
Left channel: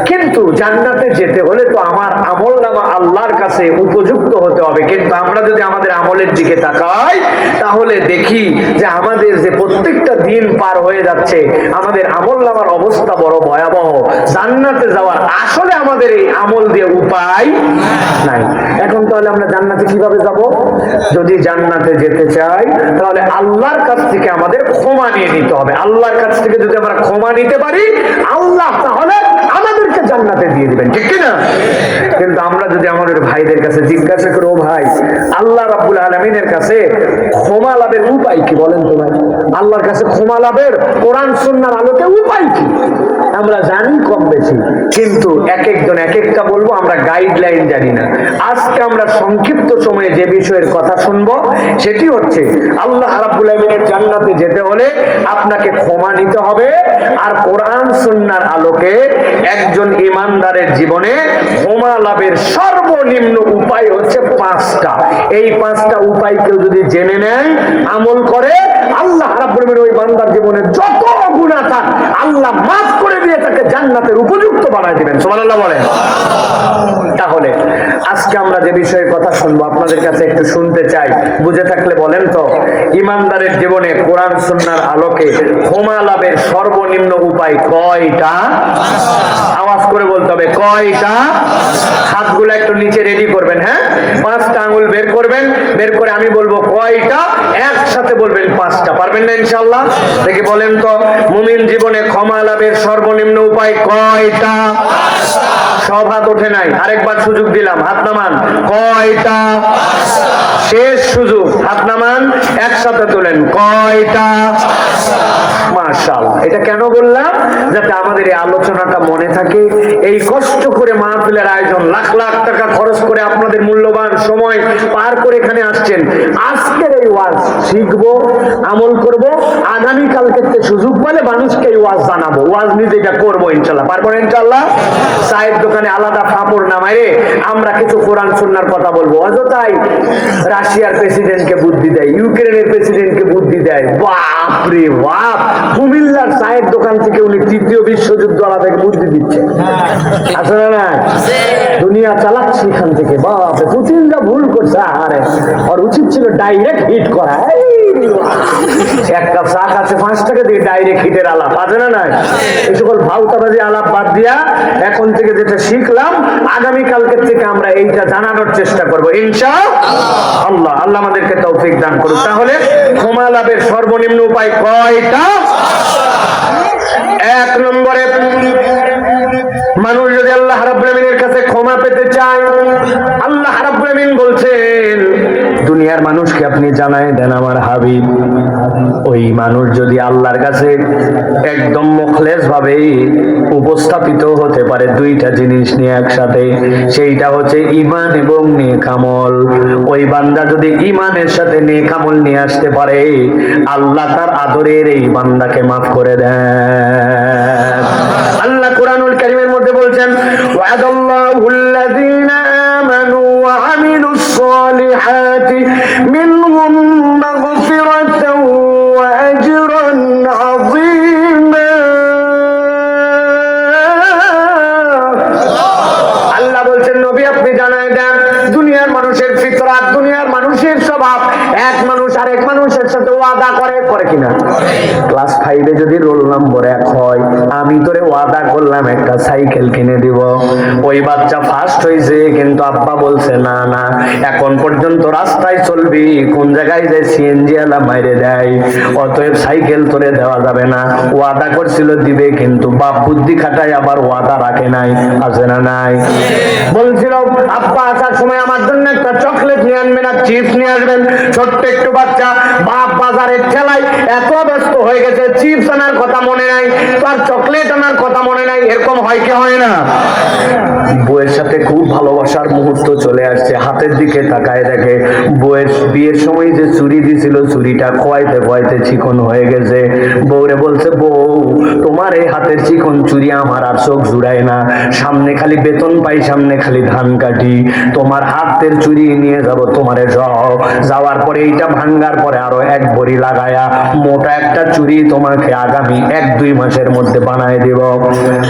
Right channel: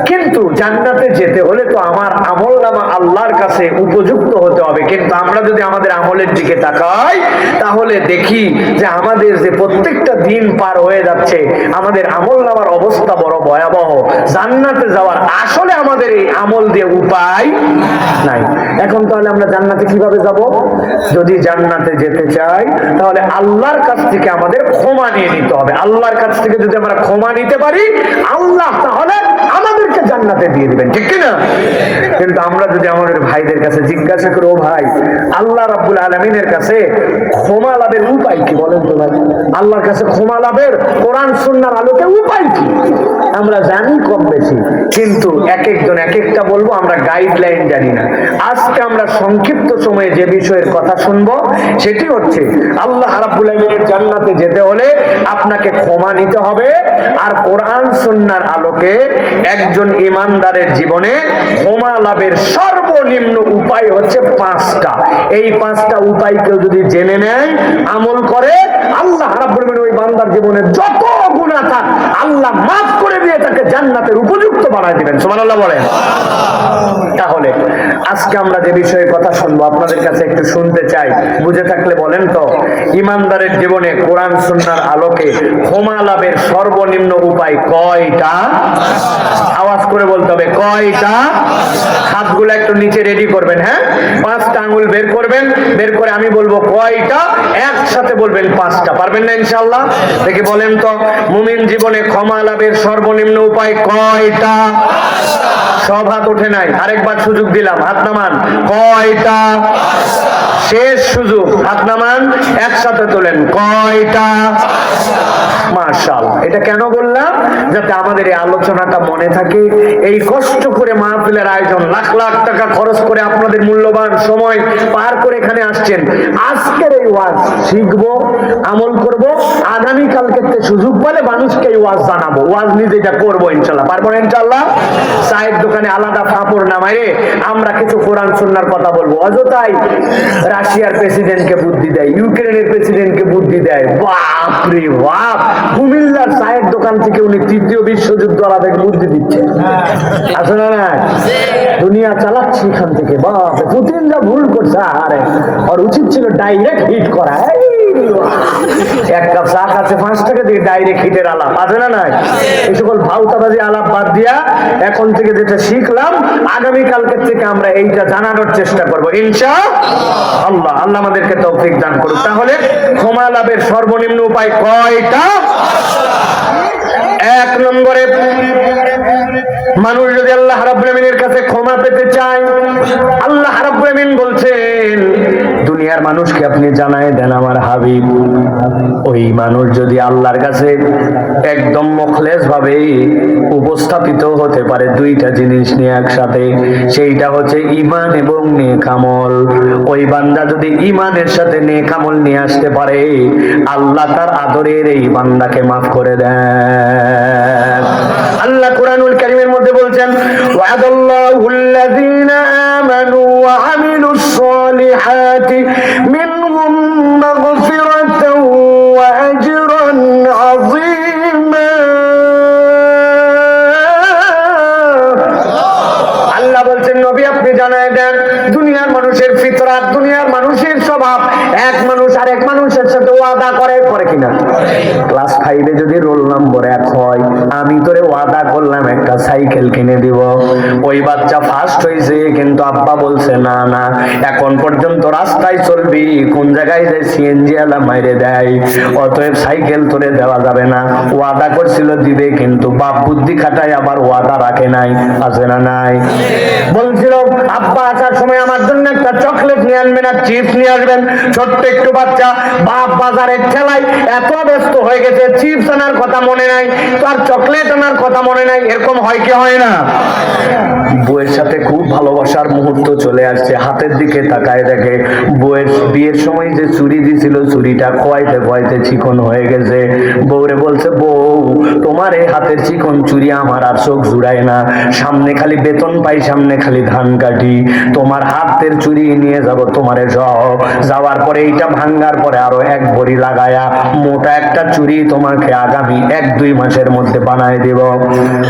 কিন্তু জান্নাতে যেতে হলে তো আমার আমল নামা আল্লাহর কাছে উপযুক্ত হতে হবে। কিন্তু আমরা যদি আমাদের আমলের দিকে তাকাই, তাহলে দেখি যে আমাদের যে প্রত্যেকটা দিন পার হয়ে যাচ্ছে, আমাদের আমল নামার অবস্থা বড় ভয়াবহ। জান্নাতে যাওয়ার আসলে আমাদের এই আমল দিয়ে উপায় নাই। এখন তাহলে আমরা জান্নাতে কিভাবে যাব? যদি জান্নাতে যেতে চাই, তাহলে আল্লাহর কাছ থেকে আমাদের ক্ষমা নিয়ে নিতে হবে। আল্লাহর কাছ থেকে যদি আমরা ক্ষমা নিতে পারি, আল্লাহ তাহলে আমাদেরকে জান্নাতে দিয়ে দিবেন, ঠিক কিনা? কিন্তু আমরা যদি আমাদের ভাইদের কাছে জিজ্ঞাসা করি, ও ভাই, আল্লাহ রাব্বুল আলামিনের কাছে ক্ষমা লাভের উপায় কি বলেন তো ভাই? আল্লাহর কাছে ক্ষমা লাভের কোরআন সুন্নাহর আলোকে উপায় কি? আমরা জানি কম বেশি, কিন্তু এক একজন এক একটা বলবো, আমরা গাইডলাইন জানি না। আজকে আমরা সংক্ষিপ্ত সময়ে যে বিষয়ের কথা শুনবো সেটি হচ্ছে, আল্লাহ রাব্বুল আলামিনের জান্নাতে যেতে হলে আপনাকে ক্ষমা নিতে হবে। আর কোরআন সুন্নাহর আলোকে একজন ঈমানদারের জীবনে ক্ষমা লাভের সর্বনিম্ন উপায় হচ্ছে 5টা। এই 5টা উপায় কেউ যদি জেনে নেয়, আমল করে, আল্লাহ রাব্বুল আলামিন ওই বান্দার জীবনে যত গুনাহ থাক আল্লাহ মাফ করে দিয়ে তাকে জান্নাতের উপযুক্ত বানায় দিবেন। সুবহানাল্লাহ বলেন। তাহলে আজকে আমরা যে বিষয়ে কথা শুনবো, আপনাদের কাছে একটু শুনতে চাই, বুঝে থাকলে বলেন তো, ঈমানদারের জীবনে কোরআন সুন্নাহর আলোকে ক্ষমা লাভের সর্বনিম্ন উপায় কয়টা? আওয়াজ করে বলতে হবে, কয়টা? হাতগুলো একটু নিচে রেডি করবেন, হ্যাঁ? 5টা আঙ্গুল বের করবেন, বের করে আমি বলবো কয়টা, একসাথে বলবেন 5টা। পারবেন না ইনশাআল্লাহ? দেখি বলেন তো, মুমিন জীবনে ক্ষমা লাভের সর্বনিম্ন উপায় কয়টা? সব হাত ওঠে নাই, আরেকবার সুযোগ দিলাম, হাত নামান। কয়টা? শেষ সুযোগ, হাত নামান, একসাথে তোলেন। কয়টা? মাশাআল্লাহ। এটা কেন বললাম? যাতে আমাদের এই আলোচনাটা মনে থাকে। এই কষ্ট করে মাহফিলের আয়োজন, লাখ লাখ টাকা খরচ করে আপনাদের মূল্যবান সময় পার করে এখানে আসছেন। আজকের এই ওয়াজ শিখবো, আমল করব, আগামী কালকে সুযোগ পেলে মানুষকে এই ওয়াজ জানাবো, ওয়াজ নিজেটা করবো ইনশাআল্লাহ। পারবো ইনশাআল্লাহ? চায়ের দোকানে আলাদা ফাপড় নামাইরে আমরা কিছু কোরআন সুন্নাহর কথা বলবো। অযথাই রাশিয়ার প্রেসিডেন্টকে বুদ্ধি দেয়, ইউক্রেনের প্রেসিডেন্টকে বুদ্ধি দেয়। বাপ রে বাপ, কুমিল্লার চায়ের দোকান থেকে উনি ৩য় বিশ্বযুদ্ধ আলাদা বুদ্ধি দিচ্ছে, আসলে না? দুনিয়া চালাচ্ছে এখান থেকে। বাপ, পুতিন যা ভুল করছে, আরে ওর উচিত ছিল ডাইরেক্ট হিট করা। এক কাপ চা খাচ্ছে 5 টাকা দিয়ে, ডাইরেক্ট হিটের আলাপ, আছে না? নাই? এই সকল ভাউতাবাজি আলাপ বাদ দিয়া এখন থেকে যেটা শিখলাম, আগামী কালকের থেকে আমরা এইটা জানানোর চেষ্টা করবো ইনশাআল্লাহ। আল্লাহ আমাদেরকে তৌফিক দান করুক। তাহলে ক্ষমা লাভের সর্বনিম্ন উপায় কয়টা? 1 নম্বরে, মানুষ যদি আল্লাহ রাব্বুল আমিনের কাছে ক্ষমা পেতে চায়, আল্লাহ রাব্বুল আমিন বলছেন, দুনিয়ার মানুষকে আপনি জানাই দেন আমার হাবিব, ওই মানুষ যদি আল্লাহর কাছে একদম মুখলেস ভাবে উপস্থাপিত হতে পারে 2টা জিনিস নিয়ে একসাথে, সেইটা হচ্ছে ঈমান এবং নেক আমল। ওই বান্দা যদি ঈমানের সাথে নেক আমল নিয়ে আসতে পারে, আল্লাহ তার আদরের এই বান্দাকে মাফ করে দেন। আল্লাহ কুরআনুল কারীমের মধ্যে বলছেন, ওয়াদাল্লাহুল্লাযীনা আমানু ওয়া আমিলুস সালিহাতি মিনহুম মাগফিরাতুন এক মানুষ আরেক মানুষের সাথে ওয়াদা করে কিনা? ক্লাস 5-এ যদি রোল নম্বর 1 হয়, আমি তোরে ওয়াদা করলাম একটা সাইকেল কিনে দিব। ওই বাচ্চা ফার্স্ট হয়েছে, কিন্তু আব্বা বলছে না না, এখন পর্যন্ত রাস্তায় চলবি, কোন জায়গায় যে সিএনজি আলা মাইরে দেয়, অতএব সাইকেল তোরে দেওয়া যাবে না। ওয়াদা করছিল দিবে, কিন্তু বাপ বুদ্ধি খাটায় আবার ওয়াদা রাখে নাই। আছে না নাই? বলছিল আব্বা আসার সময় আমার জন্য একটা চকলেট নিয়ে আনবেন আর চিপস নিয়ে আসবেন। ছোট্ট একটু বাচ্চা, বাপ বাজারের ঠেলায় এত ব্যস্ত হয়ে গেছে, চিপস আনার কথা মনে নাই, তার চকলেট আনার কথা মনে নাই। এরকম হয় কি হয় না? বউয়ের সাথে খুব ভালোবাসার মুহূর্ত চলে আসছে, হাতের দিকে তাকায় দেখে বউয়ের বিয়ের সময় যে চুড়ি দিছিল, চুড়িটা খোয়াইতে খোয়াইতে চিকন হয়ে গেছে। বউরে বলছে, বউ তোমার এই হাতের চিকন চুড়ি আমার আর চোখ জুড়ায় না, সামনে খালি বেতন পাই, সামনে খালি ধান কাটি, তোমার হাতের চুড়ি নিয়ে যাব তোমারে যাওয়ার পরে এইটা ভাঙ্গার পরে আরো 1 ভরি লাগায়া মোটা একটা চুড়ি তোমাকে আগামী 1-2 মাসের মধ্যে বানায় দিব।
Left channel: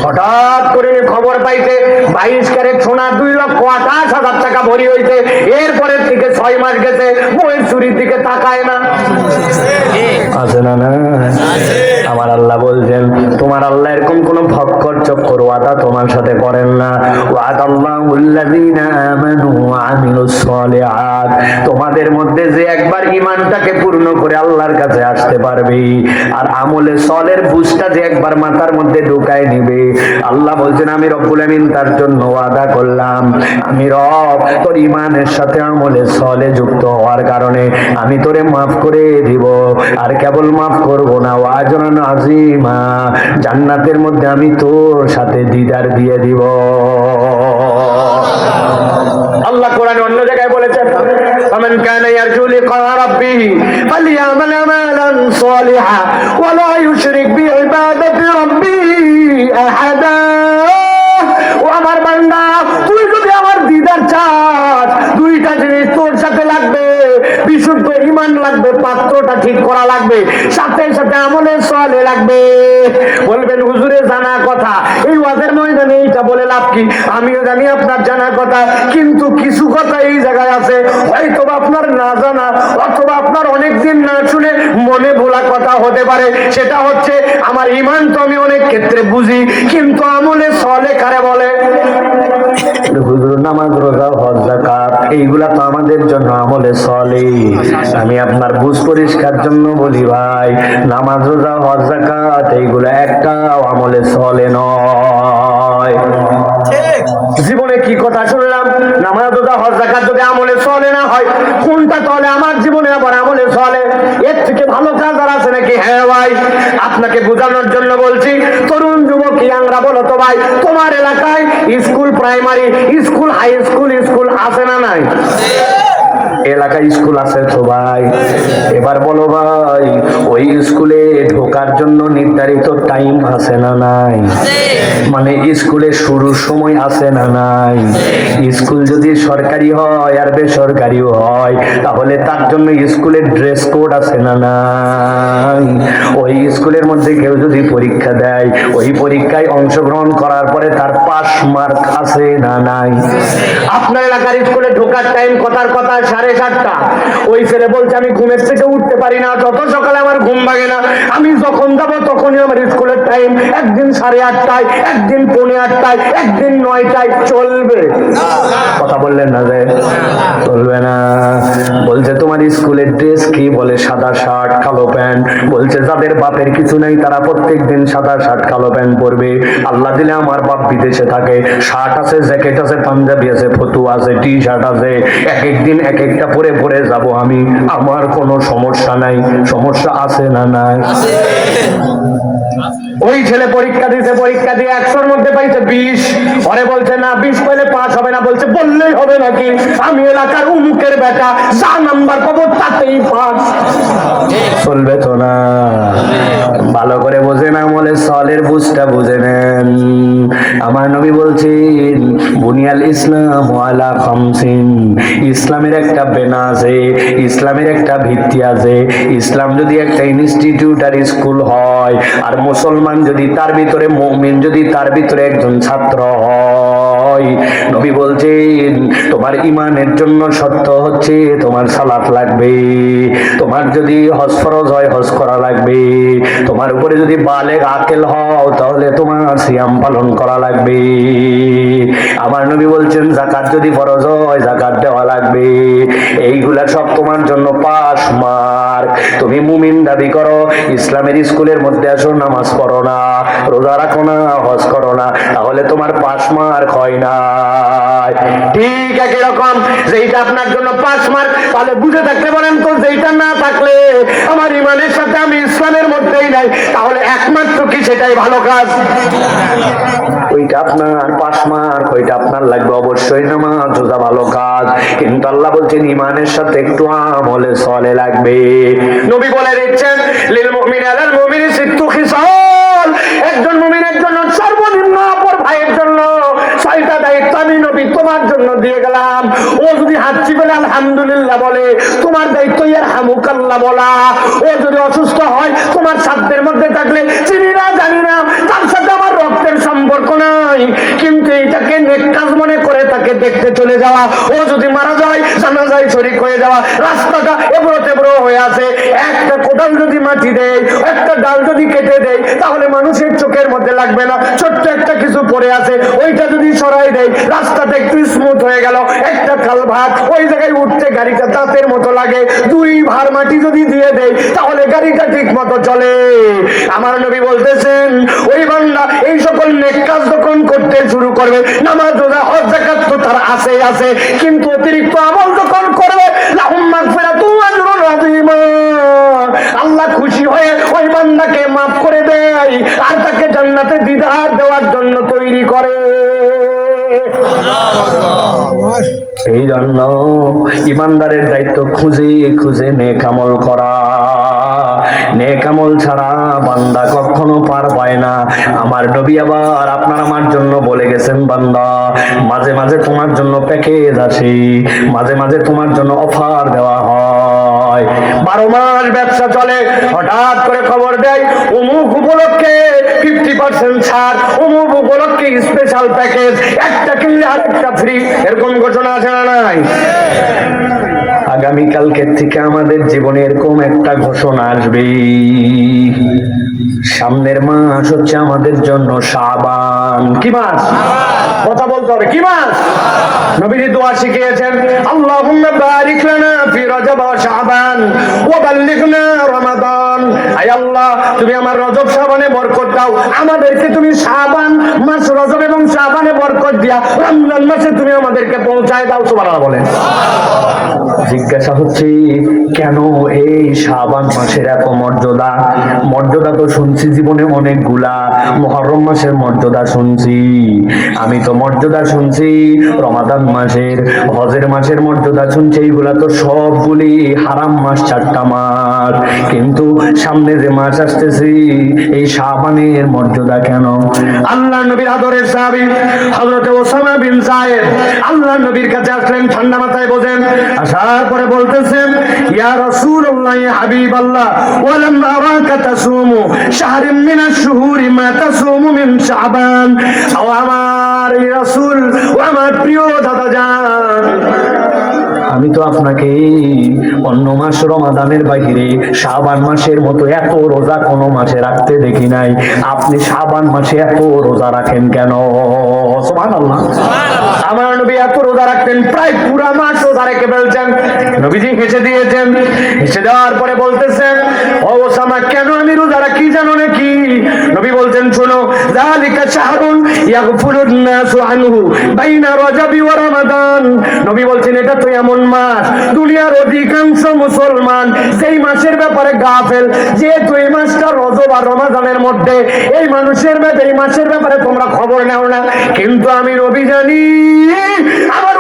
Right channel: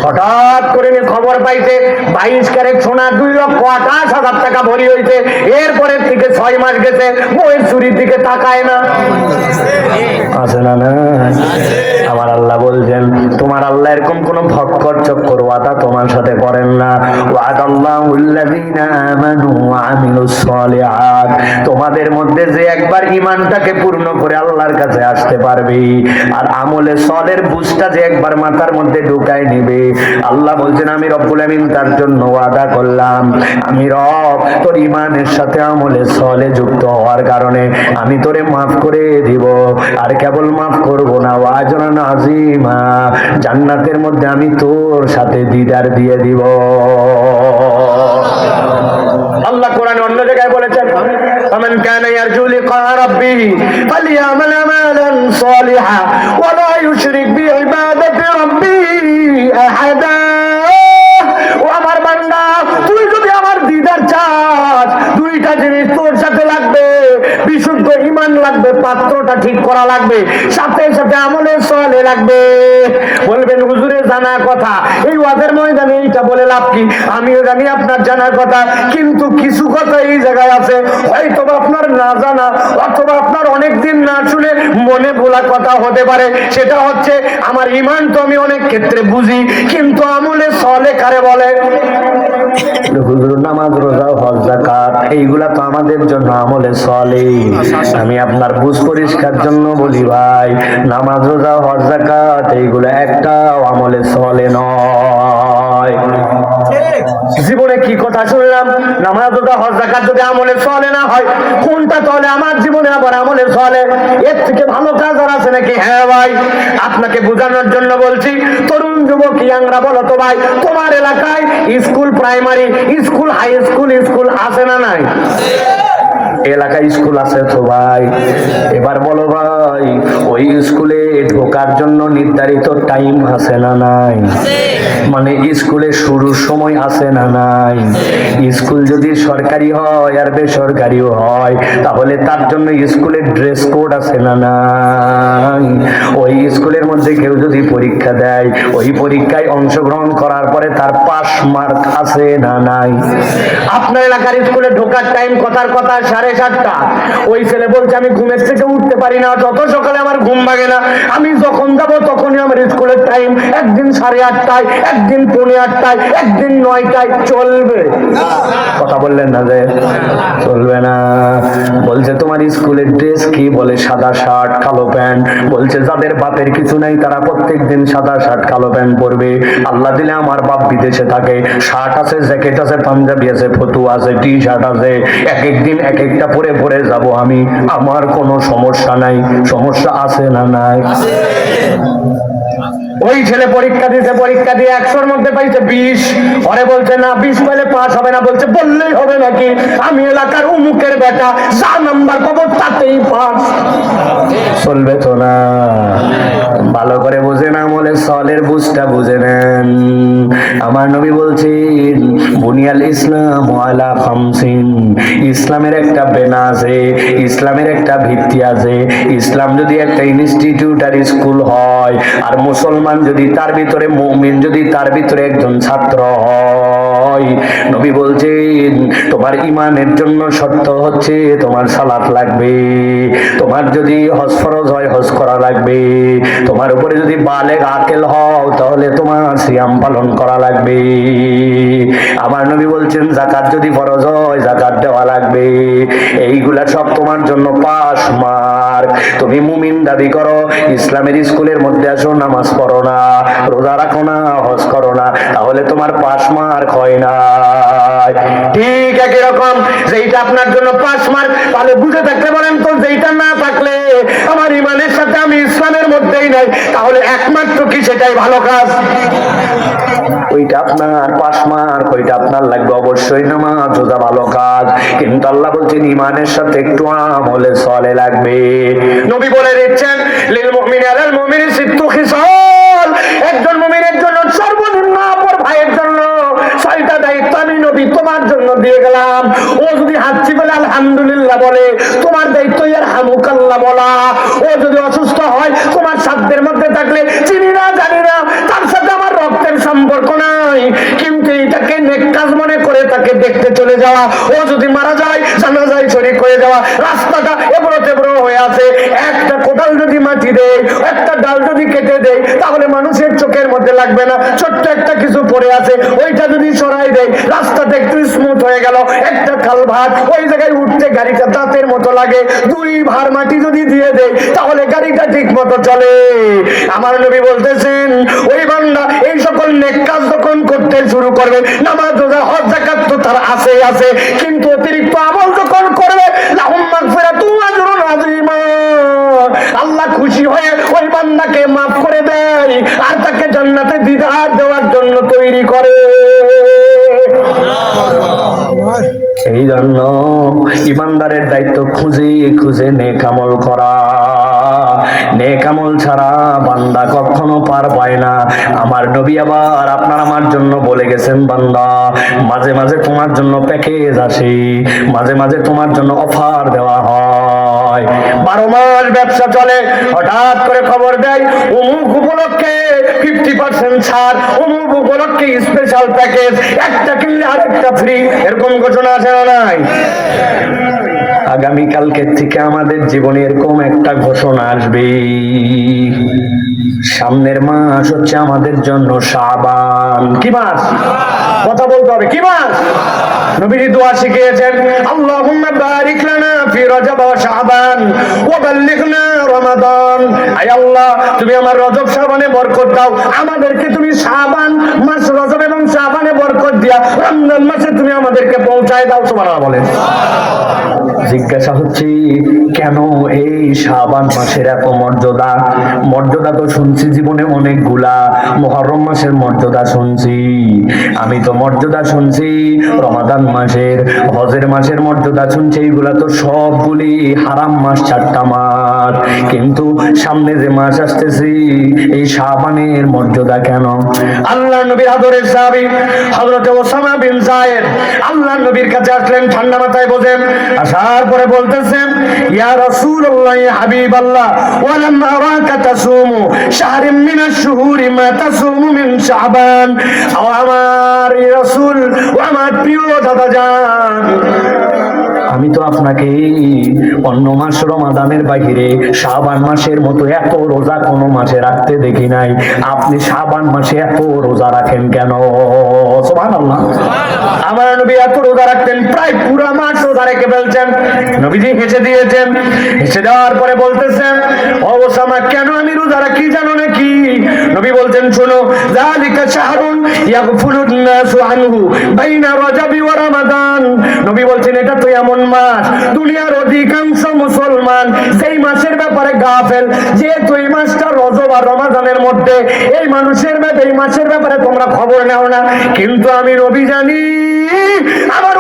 হঠাৎ করে খবর পাইছে 22 ক্যারেট সোনা 2,28,000 টাকা ভরি হয়েছে। এরপরে থেকে 6 মাস গেছে, বউয়ের চুরির দিকে তাকায় না। আছে না না? আমার আল্লাহ বলছেন, তোমার আল্লাহ এরকম কোন ভক্কর চক্কর ওয়াদা তোমার সাথে করেন না। ওয়াদাল্লাহুল্লাযীনা আমানু ওয়া আমিলুস সলিহাত, তোমাদের মধ্যে যে একবার ঈমানটাকে পূর্ণ করে আল্লাহর কাছে আসতে পারবে আর আমলে সলের বুঝটা যে একবার মাথার মধ্যে ঢুকায় নিবে, আল্লাহ বলছেন আমি রব্বুল আমিন তার জন্য ওয়াদা করলাম, আমি রব তোর ঈমানের সাথে আমলে সলে যুক্ত হওয়ার কারণে আমি তোরে মাফ করে দিব। আর কেবল মাফ করব না, ওয়াজরান আযীমা, জান্নাতের মধ্যে আমি তোর সাথে দিদার দিয়ে দিব। আল্লাহ কোরআনে অন্য জায়গায় বলেছেন, ফামান কানা ইয়ারজু লিকা রাব্বিহি ফালইয়ামাল আমালান সালিহা ওয়া লা ইউশরিক বিইবাদাতি রাব্বিহি আহাদা। ও আমার বান্দা, তুই যদি আমার দিদার চাস, 2টা জিনিস তোর সাথে লাগবে, বিশুদ্ধ ঈমান লাগবে, পাত্রটা ঠিক করা লাগবে, সাথে সাথে আমলে সালেহ লাগবে। বলবেন হুজুরে জানা কথা, এই ওয়াজের ময়দানে এইটা বলে লাভ কি? আমিও জানি আপনার জানার কথা, কিন্তু কিছু কথা এই জায়গায় আছে হয়তো আপনার না জানা, অথবা আপনার অনেকদিন না শুনে মনে ভোলা কথা হতে পারে। সেটা হচ্ছে, আমার ঈমান তো আমি অনেক ক্ষেত্রে বুঝি, কিন্তু আমলে সালেহ কারে বলে? হুজুর নামাজ রোজা হজ যাকাত এইগুলা তো আমাদের জন্য আমলে সালেহ। আমি আপনার বুঝ পরিষ্কার জন্য বলি ভাই, নামাজ রোজা হজ যাকাত এইগুলা একটাও আমলে সালেহ নয়। জীবনে কি কথা শুনলাম? নামাজ রোজা হজ যাকাত যদি আমলে সালেহ না হয়, কোনটা তাহলে আমার জীবনে আবার আমলে সালেহ? এর থেকে ভালো কাজ আর আছে নাকি? হ্যাঁ ভাই, আপনাকে বোঝানোর জন্য বলছি। তরুণ যুবক ইয়াংরা বলো তো ভাই, তোমার এলাকায় school, primary school, high school, school আছে না নাই? এলাকায় স্কুল আছে তো ভাই। এবার বলো ভাই, ওই স্কুলে ঢোকার জন্য নির্ধারিত টাইম আছে না নাই? মানে স্কুলে শুরুর সময় আছে না নাই? স্কুল যদি সরকারি হয় আর বেসরকারিও হয়, তাহলে তার জন্য স্কুলের ড্রেস কোড আছে না নাই? ওই স্কুলের মধ্যে কেউ যদি পরীক্ষা দেয়, ওই পরীক্ষায় অংশগ্রহণ করার পরে তার পাস মার্ক আছে না নাই? আপনার এলাকার স্কুলে ঢোকার টাইম কথার কথা 7:30। ওই ছেলে বলছে আমি ঘুমের থেকে উঠতে পারি না, যত সকালে আমার ঘুম ভাঙে না, আমি যখন যাবো তখনই আমার স্কুলের টাইম। একদিন 8:30, একদিন 8:45, একদিন 9টায়। চলবে? কথা বললেন না যে চলবে না। বলছে তোমার স্কুলের ড্রেস কি? বলে সাদা শার্ট কালো প্যান্ট। বলছে যাদের বাপের কিছু নাই তারা প্রত্যেকদিন সাদা শার্ট কালো প্যান্ট পরবে। আল্লাহ দিলে আমার বাপ বিদেশে থাকে, শার্ট আছে, জ্যাকেট আছে, পাঞ্জাবি আছে, ফতুয়া আছে, টি শার্ট আছে, এক একদিন এক একটা পরে পরে যাব আমি, আমার কোনো সমস্যা নাই। সমস্যা আছে না নাই? ওই ছেলে পরীক্ষা দিতে, পরীক্ষা দিয়ে 100-র মধ্যে পাইছে 20। পরে বলছে না 20 পেলে পাস হবে না। বলছে বললেই হবে নাকি? আমি এলাকার উমুকের বেটা, যা নাম্বার পাবো তাতেই পাস। চলবে তো না। ভালো করে বুঝেন, আমলে সালের বুঝটা বুঝে নেন। আমার নবী বলছেন বুনিয়াল ইসলাম আলা খামসিন, ইসলামের একটা বেনা আছে, ইসলামের একটা ভিত্তি আছে। ইসলাম যদি একটা ইনস্টিটিউট আর স্কুল হয়, আর মুসলমান যদি তার ভিতরে, মুমিন যদি তার ভিতরে একজন ছাত্র হয়, হয়। নবী বলছেন তোমার ইমানের জন্য শর্ত হচ্ছে তোমার সালাত লাগবে, তোমার যদি হজ ফরজ হয় হজ করা লাগবে, তোমার উপরে যদি বালেগ আকেল হও তাহলে তোমার সিয়াম পালন করা লাগবে। আমার নবী বলছেন যাকাত যদি ফরজ হয় যাকাত দেওয়া লাগবে। এইগুলা সব তোমার জন্য পাস মার্ক। তুমি মুমিন দাবি করো, ইসলামের স্কুলের মধ্যে আসো, নামাজ পড়ো না, রোজা রাখো না, হজ করো না, তাহলে তোমার পাস মার্ক হয় না। ঠিক একই রকম যেইটা আপনার জন্য পাস মার্ক, তাহলে বুঝে থাকলে বলেন তো যেইটা না থাকলে আমার ইমানের সাথে আমি ইসলামের মধ্যেই নাই, তাহলে একমাত্র কি সেটাই ভালো কাজ? ওইটা আপনার পাস মার্ক, ওইটা আপনার লাগবে অবশ্যই নামাজ রোজা ভালো কাজ, কিন্তু আল্লাহ বলছেন ইমানের সাথে একটু আমলে সলে লাগবে। নবী বলে দিচ্ছেন লিল মুমিনি আলাল মুমিনি সিত্তু খিসাল, একজন মুমিনের জন্য সর্বনিম্ন অপর ভাইয়ের জন্য 6টা দায়িত্ব আমি নবী তোমার জন্য দিয়ে গেলাম। ও যদি হাঁচি বলে আলহামদুলিল্লাহ বলে, তোমার দায়িত্ব ইয়ারহামুকাল্লাহ বলা। ও যদি অসুস্থ হয়, তোমার সাধ্যের মধ্যে থাকলে চিনি না জানি না তার সাথে আমার রক্তের সম্পর্ক নাই, কিন্তু এটাকে নেক কাজ মনে করে তাকে দেখতে চলে যাওয়া। ও যদি মারা যায় জানাজায় শরীক হয়ে যাওয়া। রাস্তাটা এবড়ো তেবড়ো হয়ে আছে, একটা কোদাল যদি মাটি দেয়, একটা ডাল যদি কেটে দেয়, তাহলে মানুষের চোখের মধ্যে লাগবে না। ছোট্ট একটা কিছু পড়ে আছে, ওইটা যদি সরাই দেয় রাস্তাটা একটু স্মুথ হয়ে গেল। একটা কালভার্ট, ওই জায়গায় উঠতে গাড়িটা দাঁতের মতো লাগে। 2 ভার মাটি যদি দিয়ে দেয় তাহলে গাড়িটা ঠিক মতো চলে। আমার নবী বলতেছেন ওই বান্দা এই সকল নেক কাজ যখন করতে শুরু করবে, নামাজ রোজা হজ যাকাত তো তার আছে, কিন্তু অতিরিক্ত আমল যখন করবে লাহুম মাগফিরাতুন ওয়া আজরুন আযীম, আল্লাহ খুশি হয়ে ওই বান্দাকে মাফ করে দেয় আর তাকে জান্নাতে দিদার দেওয়ার জন্য তৈরি করে। এই জন্য ইমানদারের দায়িত্ব খুঁজে খুঁজে নেক আমল করা। নেক আমল ছাড়া বান্দা কখনো পার পায় না। আমার নবী আবার আপনার আমার জন্য বলে গেছেন, বান্দা মাঝে মাঝে তোমার জন্য প্যাকেজ আসে, মাঝে মাঝে তোমার জন্য অফার দেওয়া হয়। 12 মাস ব্যবসা চলে, হঠাৎ করে খবর দেয় অমুক উপলক্ষে 50% ছাড়, অমুক উপলক্ষে স্পেশাল প্যাকেজ, একটা কিনলে আরেকটা ফ্রি। এরকম ঘোষণা আছে না নাই? আগামীকালকে থেকে আমাদের জীবনে এরকম একটা ঘোষণা আসবে। সামনের মাস হচ্ছে আমাদের জন্য শাবান। কি মাস? কথা বলতে হবে, কি মাস? নবীজি দোয়া শিখিয়েছেন, আল্লাহুম্মা বারিক লানা ফি রজব ওয়া শাবান ওয়া বাল্লিগনা রমাদান। আয় আল্লাহ, তুমি আমার রজব শাবানে বরকত দাও, আমাদেরকে তুমি শাবান মাস, রজব এবং শাবানে বরকত দিয়া রমজান মাসে তুমি আমাদেরকে পৌঁছায় দাও। সুবহানাল্লাহ বলেন। জিজ্ঞাসা হচ্ছে কেন এই শাবান মাসের এত মর্যাদা? মর্যাদা তো শুনছি জীবনে অনেকগুলা, মুহররম মাসের মর্যাদা শুনছি, আমি তো মর্যাদা শুনছি রমাদান মাসের, হজের মাসের মর্যাদা শুনছি, এইগুলা তো সবগুলি হারাম মাস, 4টা মাস, কিন্তু সামনে যে মাস আসতেছি এই শাবানের মর্যাদা কেন? আল্লাহ নবীর আদরের সাহাবী হযরত ওসামা বিন যায়েদ আল্লাহ নবীর কাছে আসলেন, ঠান্ডা মাথায় বসেন, আসার পরে বলতেছেন, ইয়া রাসূলুল্লাহ ইয়া হাবিবাল্লাহ ওয়ালাম আরাকা তাসুমু শাহরাম মিনাশ শুহুরি মা তাসুমু মিন শাবান। ও আমার রাসূল, ও আমার প্রিয় দাদা জান, আমি তো আপনাকে অন্য মাস রমাদানের বাহিরে শাবান মাসের মতো এত রোজা কোনো মাসে রাখতে দেখি নাই, আপনি শাবান মাসে এত রোজা রাখেন কেন? সুবহানাল্লাহ। আমার নবী এত রোজা রাখতেন, প্রায় পুরা মাস রোজা রেখে ফেলছেন। নবীজি হেসে দিয়েছেন, হেসে দেওয়ার পরে বলতেছেন, ও ওসামা কেন আমি রোজা রাখি জানো নাকি? নবী বলছেন, শোনো, যালিকা শাহরুন ইয়াগফুরুন নাসু আনহু বাইনা রজবি ওয়া রমাদান। নবী বলছেন এটা তো এমন মাস, দুনিয়ার অধিকাংশ মুসলমান যেই মাসের ব্যাপারে গাফেল, যেহেতু এই মাসটা রজব আর রমাদানের মধ্যে, এই মানুষের এই মাসের ব্যাপারে তোমরা খবর নাও না, কিন্তু আমি নবী জানি আমার